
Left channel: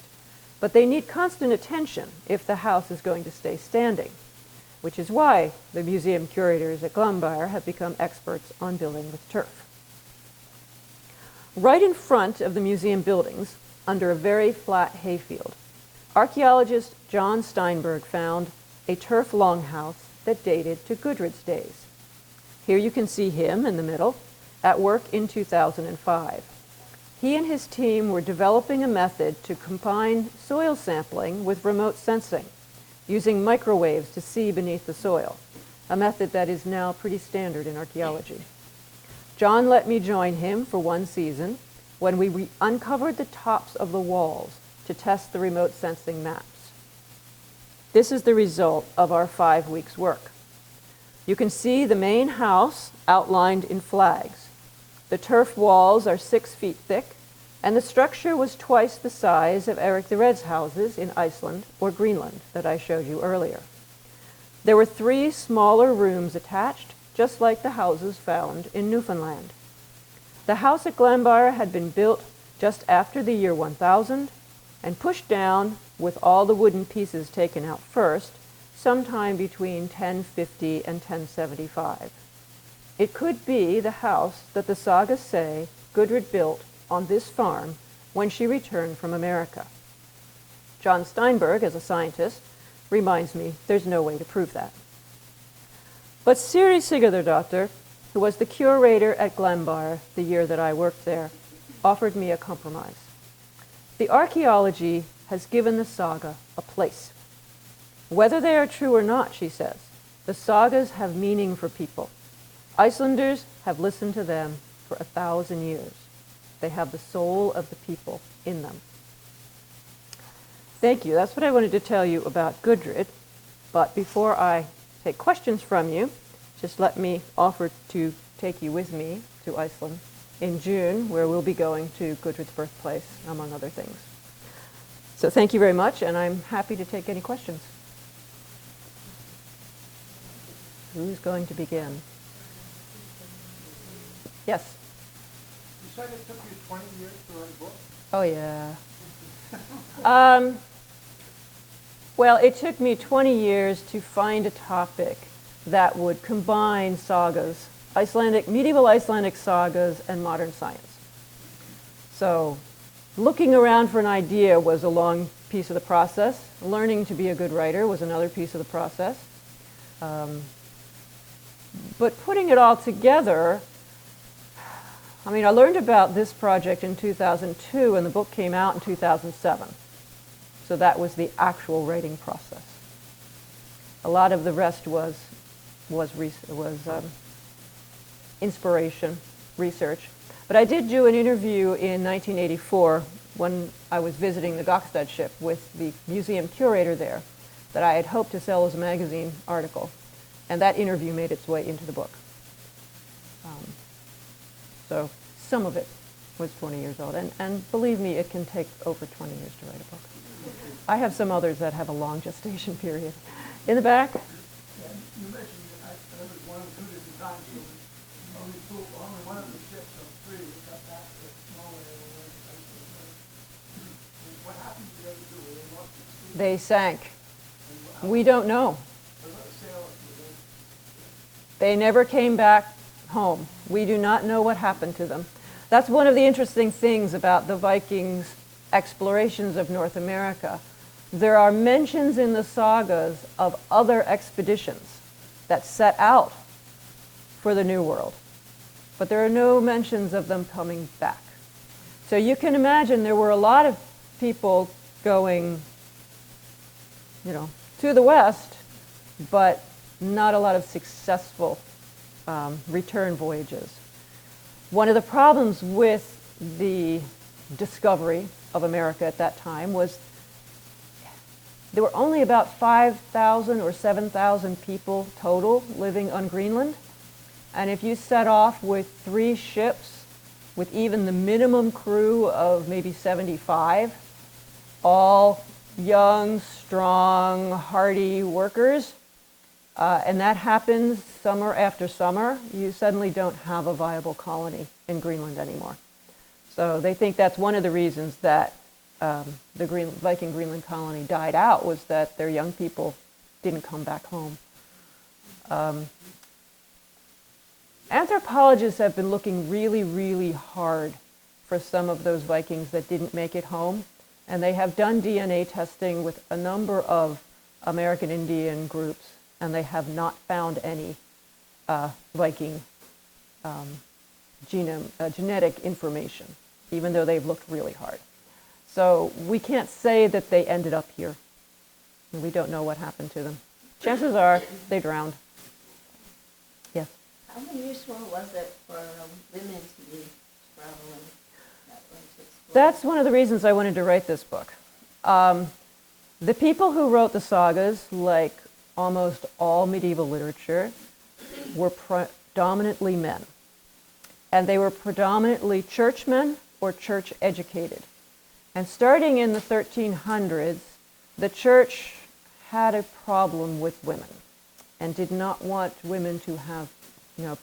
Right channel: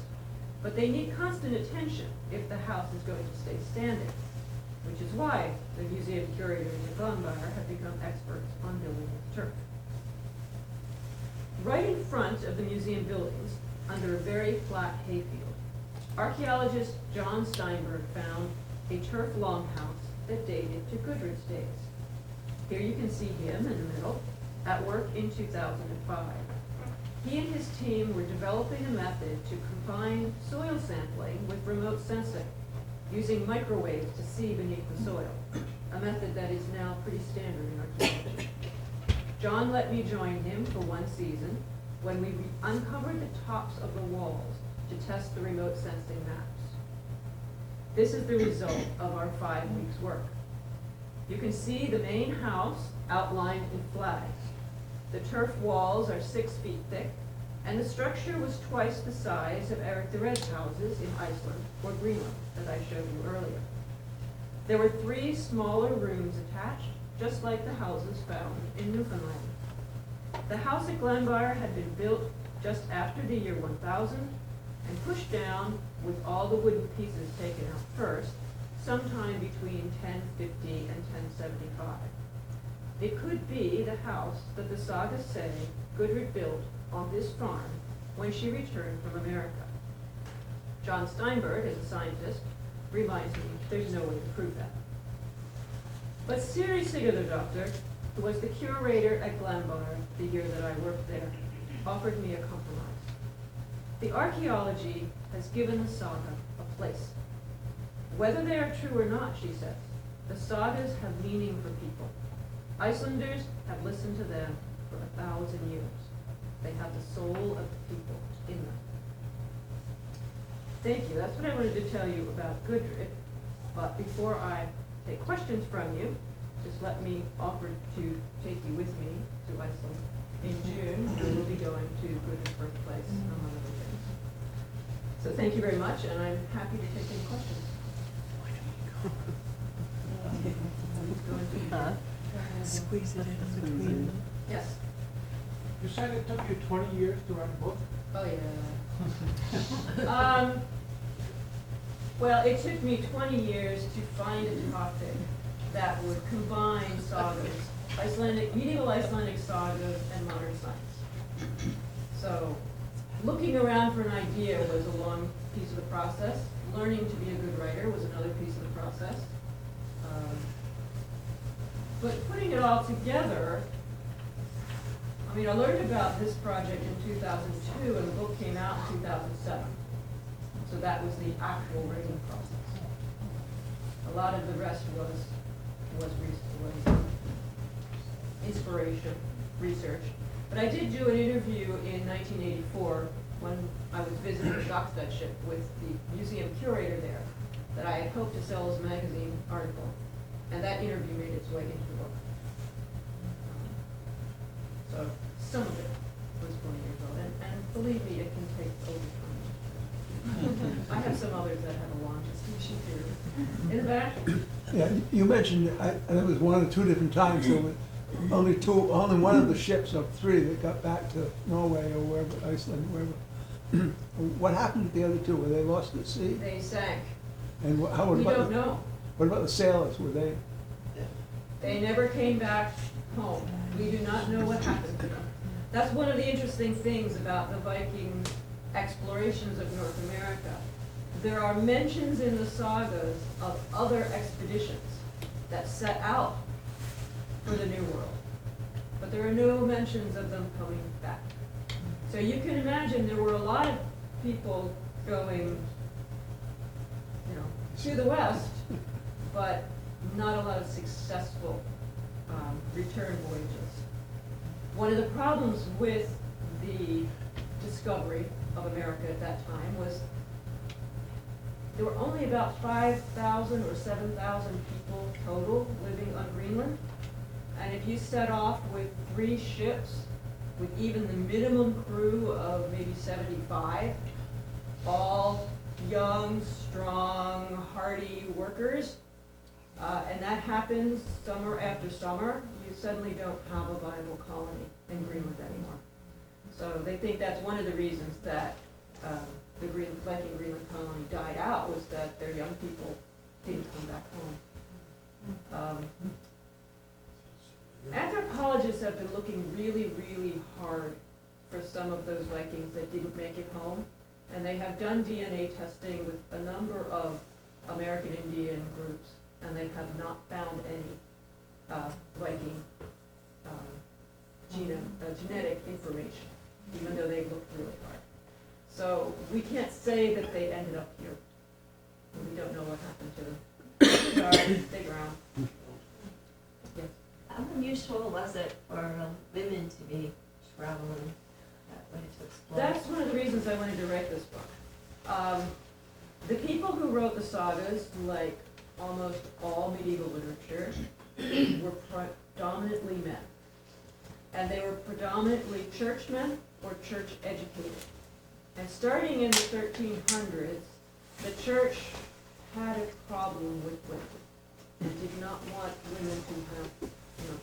But they need constant attention if the house is going to stay standing, which is why the museum curators at Glombyr have become experts on building with turf. Right in front of the museum buildings, under a very flat hayfield, archaeologist John Steinberg found a turf longhouse that dated to Gudrid's days. Here you can see him in the middle, at work in 2005. He and his team were developing a method to combine soil sampling with remote sensing, using microwaves to see beneath the soil, a method that is now pretty standard in archaeology. John let me join him for one season when we uncovered the tops of the walls to test the remote sensing maps. This is the result of our 5 weeks' work. You can see the main house outlined in flags. The turf walls are 6 feet thick, and the structure was twice the size of Erik the Red's houses in Iceland or Greenland that I showed you earlier. There were 3 smaller rooms attached, just like the houses found in Newfoundland. The house at Glombyr had been built just after the year 1000 and pushed down with all the wooden pieces taken out first, sometime between 1050 and 1075. It could be the house that the sagas say Gudrid built on this farm when she returned from America. John Steinberg, as a scientist, reminds me there's no way to prove that. But Siri Sigurðardóttir, who was the curator at Glenbar the year that I worked there, offered me a compromise. The archaeology has given the saga a place. Whether they are true or not, she says, the sagas have meaning for people. Icelanders have listened to them for 1,000 years. They have the soul of the people in them. Thank you. That's what I wanted to tell you about Gudrid. But before I take questions from you, just let me offer to take you with me to Iceland in June, where we'll be going to Gudrid's birthplace, among other things. So thank you very much, and I'm happy to take any questions. Who's going to begin? Squeeze it in between. Yes. You said it took you 20 years to write a book? Oh, yeah. Well, it took me 20 years to find a topic that would combine sagas, medieval Icelandic sagas, and modern science. So looking around for an idea was a long piece of the process. Learning to be a good writer was another piece of the process. But putting it all together, I mean, I learned about this project in 2002, and the book came out in 2007. So that was the actual writing process. A lot of the rest was inspiration, research. But I did do an interview in 1984 when I was visiting the Gokstad ship with the museum curator there that I had hoped to sell as a magazine article. And that interview made its way into the book. So some of it was 20 years old. And believe me, it can take over 20 years to write a book. I have some others that have a long gestation period. In the back? Yeah, you mentioned, and it was one or two different times, so only one of the ships of three that got back to Norway or wherever, Iceland, wherever. What happened to the other two? Were they lost at sea? They sank. And We don't know. What about the sailors? Were they? They never came back home. We do not know what happened to them. That's one of the interesting things about the Vikings' explorations of North America. There are mentions in the sagas of other expeditions that set out for the New World, but there are no mentions of them coming back. So you can imagine there were a lot of people going, to the west, but not a lot of successful return voyages. One of the problems with the discovery of America at that time was there were only about 5,000 or 7,000 people total living on Greenland. And if you set off with 3 ships with even the minimum crew of maybe 75, all young, strong, hardy workers, and that happens summer after summer, you suddenly don't have a viable colony in Greenland anymore. So they think that's one of the reasons that the Viking Greenland colony died out, was that their young people didn't come back home. Anthropologists have been looking really, really hard for some of those Vikings that didn't make it home, and they have done DNA testing with a number of American Indian groups, and they have not found any Viking genetic information, even though they've looked really hard. So we can't say that they ended up here. We don't know what happened to them. Chances are they drowned. Yes? How unusual was it for women to be traveling that way to explore? That's one of the reasons I wanted to write this book. The people who wrote the sagas, like almost all medieval literature, were predominantly men. And they were predominantly churchmen or church educated. And starting in the 1300s, the church had a problem with women and did not want women to have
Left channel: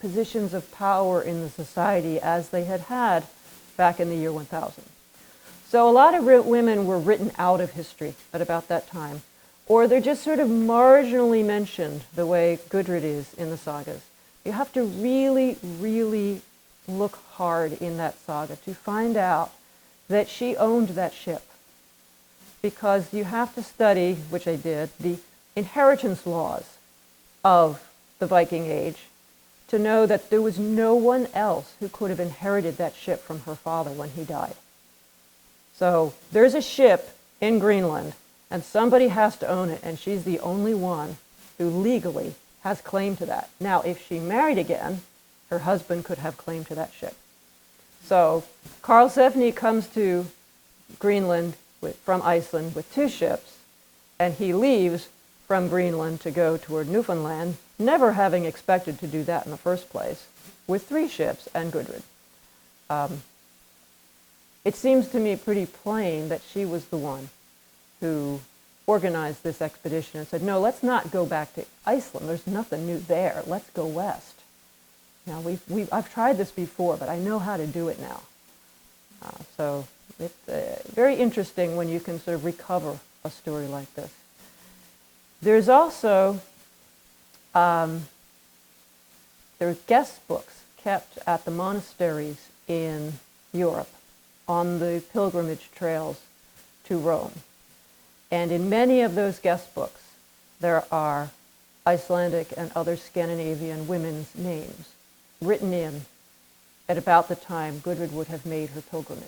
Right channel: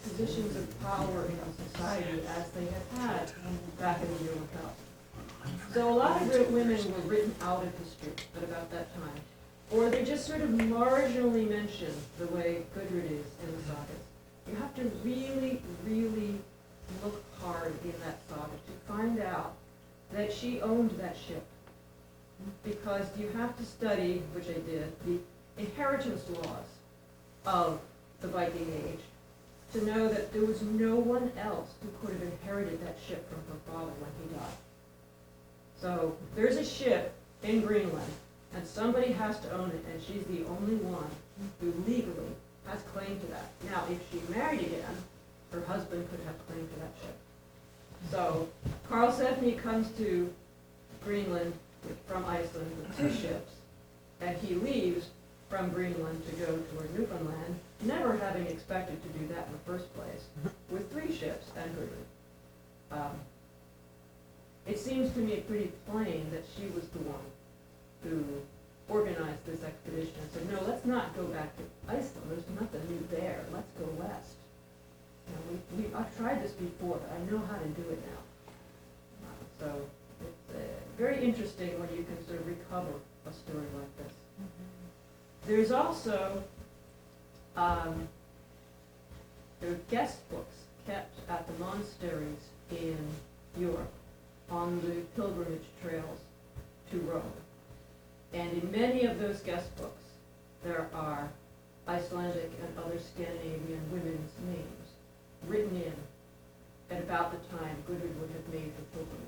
positions of power in the society as they had had back in the year 1000. So a lot of women were written out of history at about that time, or they're just sort of marginally mentioned the way Gudrid is in the sagas. You have to really, really look hard in that saga to find out that she owned that ship, because you have to study, which I did, the inheritance laws of the Viking Age to know that there was no one else who could have inherited that ship from her father when he died. So there's a ship in Greenland, and somebody has to own it, and she's the only one who legally has claim to that. Now, if she married again, her husband could have claim to that ship. So Karlsefni comes to Greenland from Iceland with 2 ships, and he leaves from Greenland to go toward Newfoundland, never having expected to do that in the first place, with 3 ships and Gudrid. It seems to me pretty plain that she was the one who organized this expedition and said, no, let's not go back to Iceland. There's nothing new there. Let's go west. Now, I've tried this before, but I know how to do it now. So it's very interesting when you can sort of recover a story like this. There's also, there are guest books kept at the monasteries in Europe on the pilgrimage trails to Rome. And in many of those guest books, there are Icelandic and other Scandinavian women's names written in at about the time Gudrid would have made her pilgrimage.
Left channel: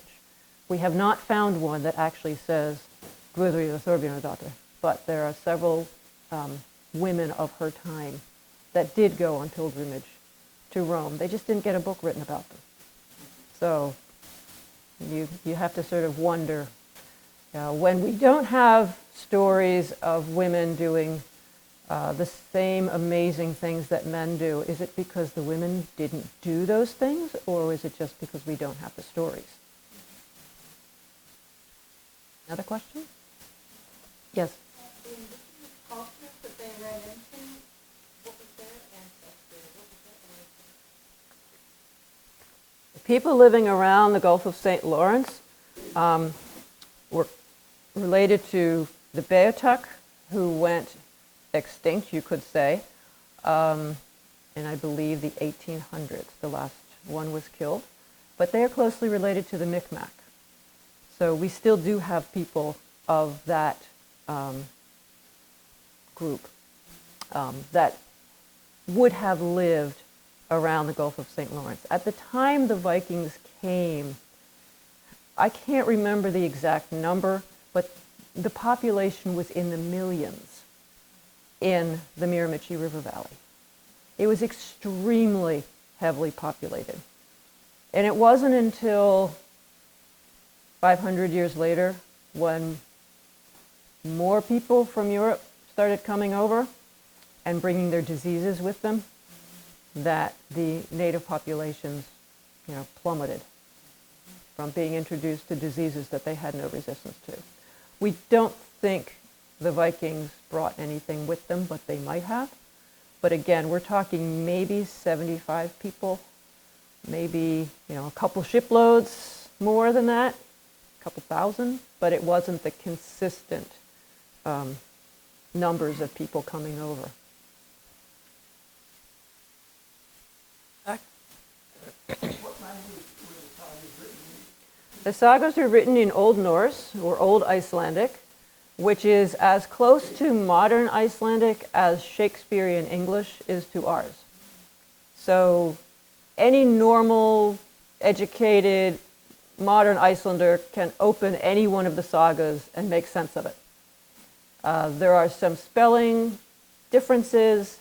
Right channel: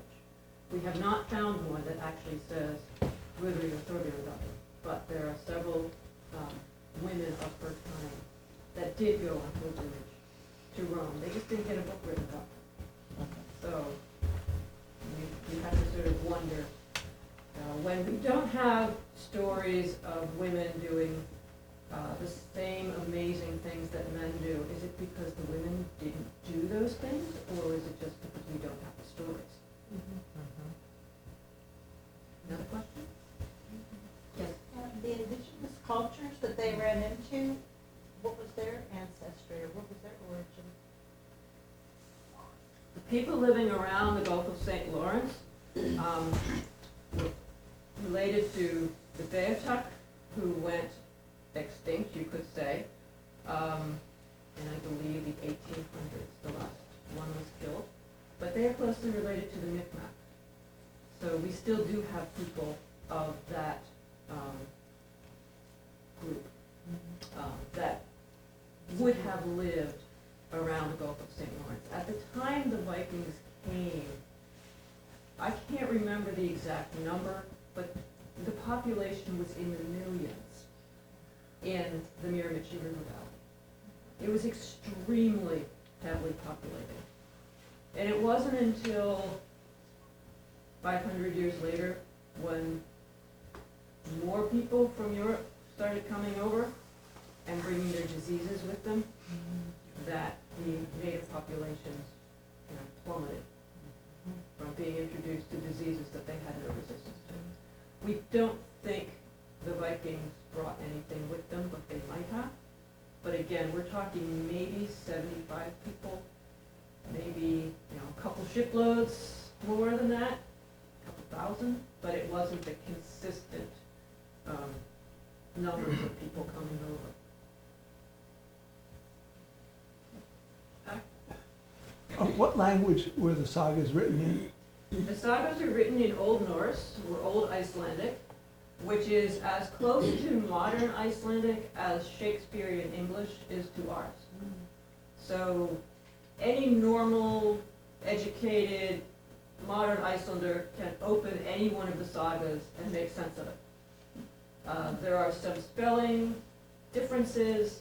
We have not found one that actually says Gudrid the Far-Traveler, but there are several women of her time that did go on pilgrimage to Rome. They just didn't get a book written about them. So you have to sort of wonder, when we don't have stories of women doing the same amazing things that men do, is it because the women didn't do those things, or is it just because we don't have the stories? Another question? Yes? The indigenous cultures that they ran into, what was their ancestry, or what was their origin? The people living around the Gulf of St. Lawrence were related to the Beothuk, who went extinct, you could say, in I believe the 1800s. The last one was killed. But they are closely related to the Micmac. So we still do have people of that group that would have lived around the Gulf of St. Lawrence. At the time the Vikings came, I can't remember the exact number, but the population was in the millions in the Miramichi River Valley. It was extremely heavily populated. And it wasn't until 500 years later, when more people from Europe started coming over and bringing their diseases with them, that the native populations, plummeted from being introduced to diseases that they had no resistance to. We don't think the Vikings brought anything with them, but they might have. But again, we're talking maybe 75 people, maybe a couple shiploads more than that, a couple thousand, but it wasn't the consistent numbers of people coming over. What language were the sagas written in? The sagas are written in Old Norse or Old Icelandic, which is as close to modern Icelandic as Shakespearean English is to ours. So any normal, educated, modern Icelander can open any one of the sagas and make sense of it. There are some spelling differences.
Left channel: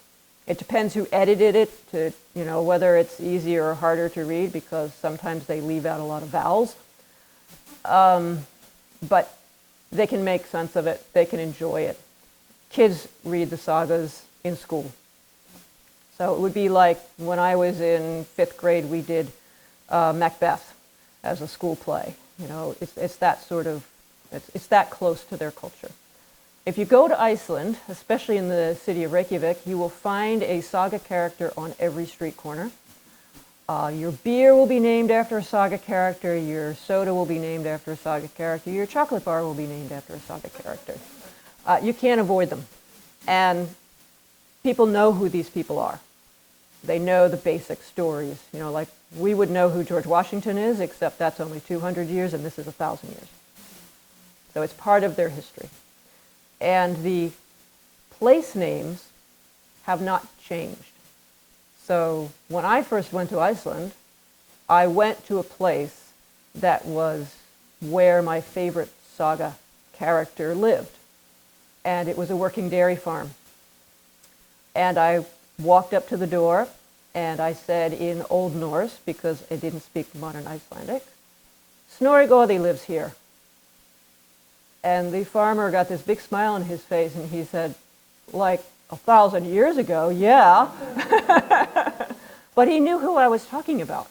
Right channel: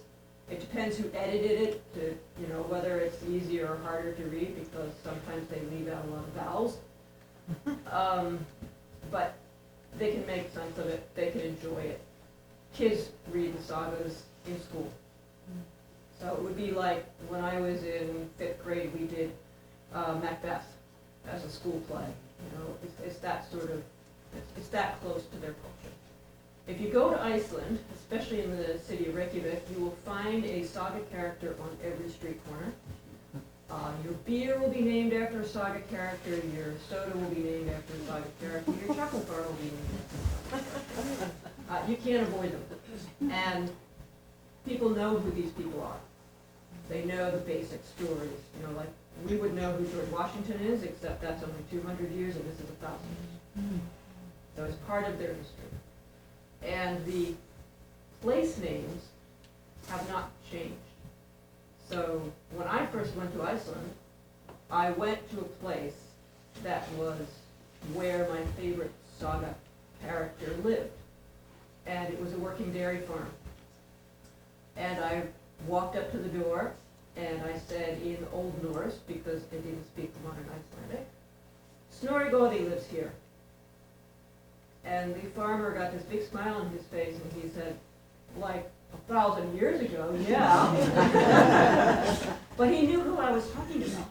It depends who edited it, to whether it's easier or harder to read, because sometimes they leave out a lot of vowels. But they can make sense of it. They can enjoy it. Kids read the sagas in school. So it would be like when I was in 5th grade, we did Macbeth as a school play. It's that sort of, it's that close to their culture. If you go to Iceland, especially in the city of Reykjavik, you will find a saga character on every street corner. Your beer will be named after a saga character, your soda will be named after a saga character, your chocolate bar will be named after a saga character. You can't avoid them. And people know who these people are. They know the basic stories. Like we would know who George Washington is, except that's only 200 years and this is 1,000 years. So it's part of their history. And the place names have not changed. So when I first went to Iceland, I went to a place that was where my favorite saga character lived. And it was a working dairy farm. And I walked up to the door and I said in Old Norse, because I didn't speak modern Icelandic, Snorri Goði lives here. And the farmer got this big smile on his face and he said, like 1,000 years ago, yeah. But he knew who I was talking about.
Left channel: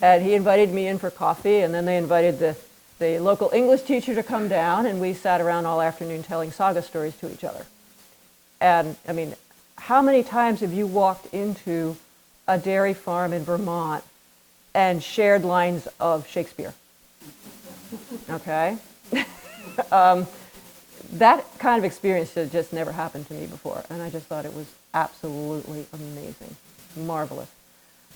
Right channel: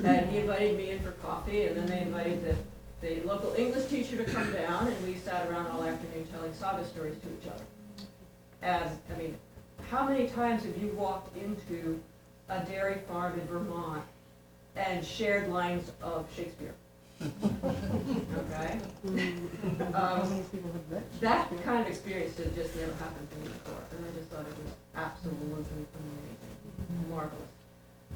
And he invited me in for coffee, and then they invited the local English teacher to come down, and we sat around all afternoon telling saga stories to each other. And I mean, how many times have you walked into a dairy farm in Vermont and shared lines of Shakespeare? Okay? That kind of experience had just never happened to me before, and I just thought it was absolutely amazing, marvelous.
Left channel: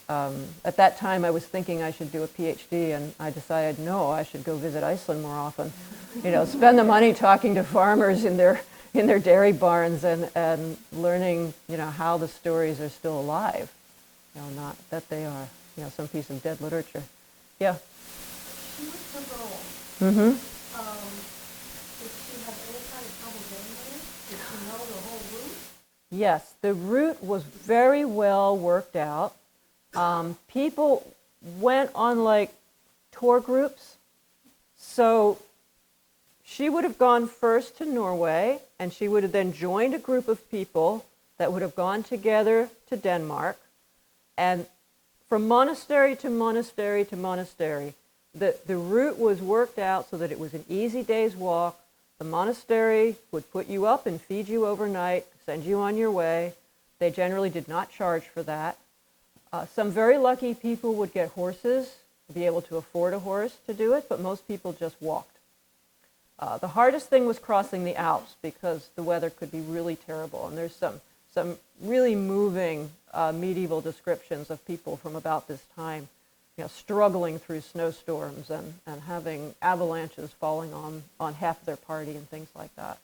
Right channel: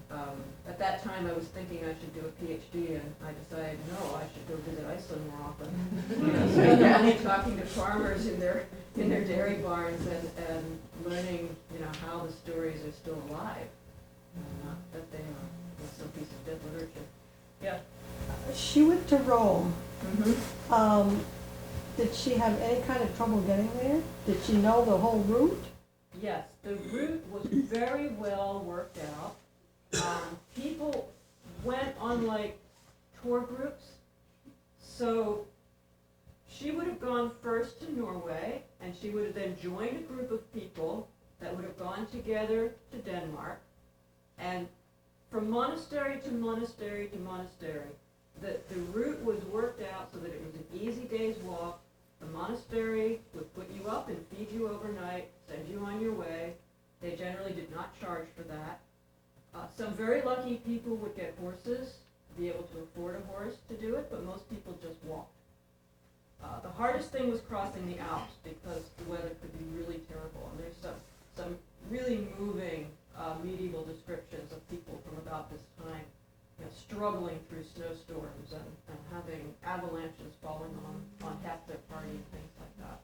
At that time, I was thinking I should do a PhD, and I decided, no, I should go visit Iceland more often. You know, spend the money talking to farmers in their dairy barns and learning, you know, how the stories are still alive. You know, not that they are, you know, some piece of dead literature. Yeah. She went to Rome. Mm-hmm. Did she have any kind of trouble getting there? Did she know the whole route? Yes, the route was very well worked out. People went on like tour groups. So she would have gone first to Norway, and she would have then joined a group of people that would have gone together to Denmark. And from monastery to monastery to monastery, the route was worked out so that it was an easy day's walk. The monastery would put you up and feed you overnight, send you on your way. They generally did not charge for that. Some very lucky people would get horses, be able to afford a horse to do it, but most people just walked. The hardest thing was crossing the Alps because the weather could be really terrible, and there's some really moving medieval descriptions of people from about this time, you know, struggling through snowstorms and having avalanches falling on half their party and things like that.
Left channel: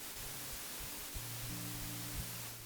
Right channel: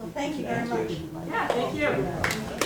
Well, thank you very much. Yeah, thank you.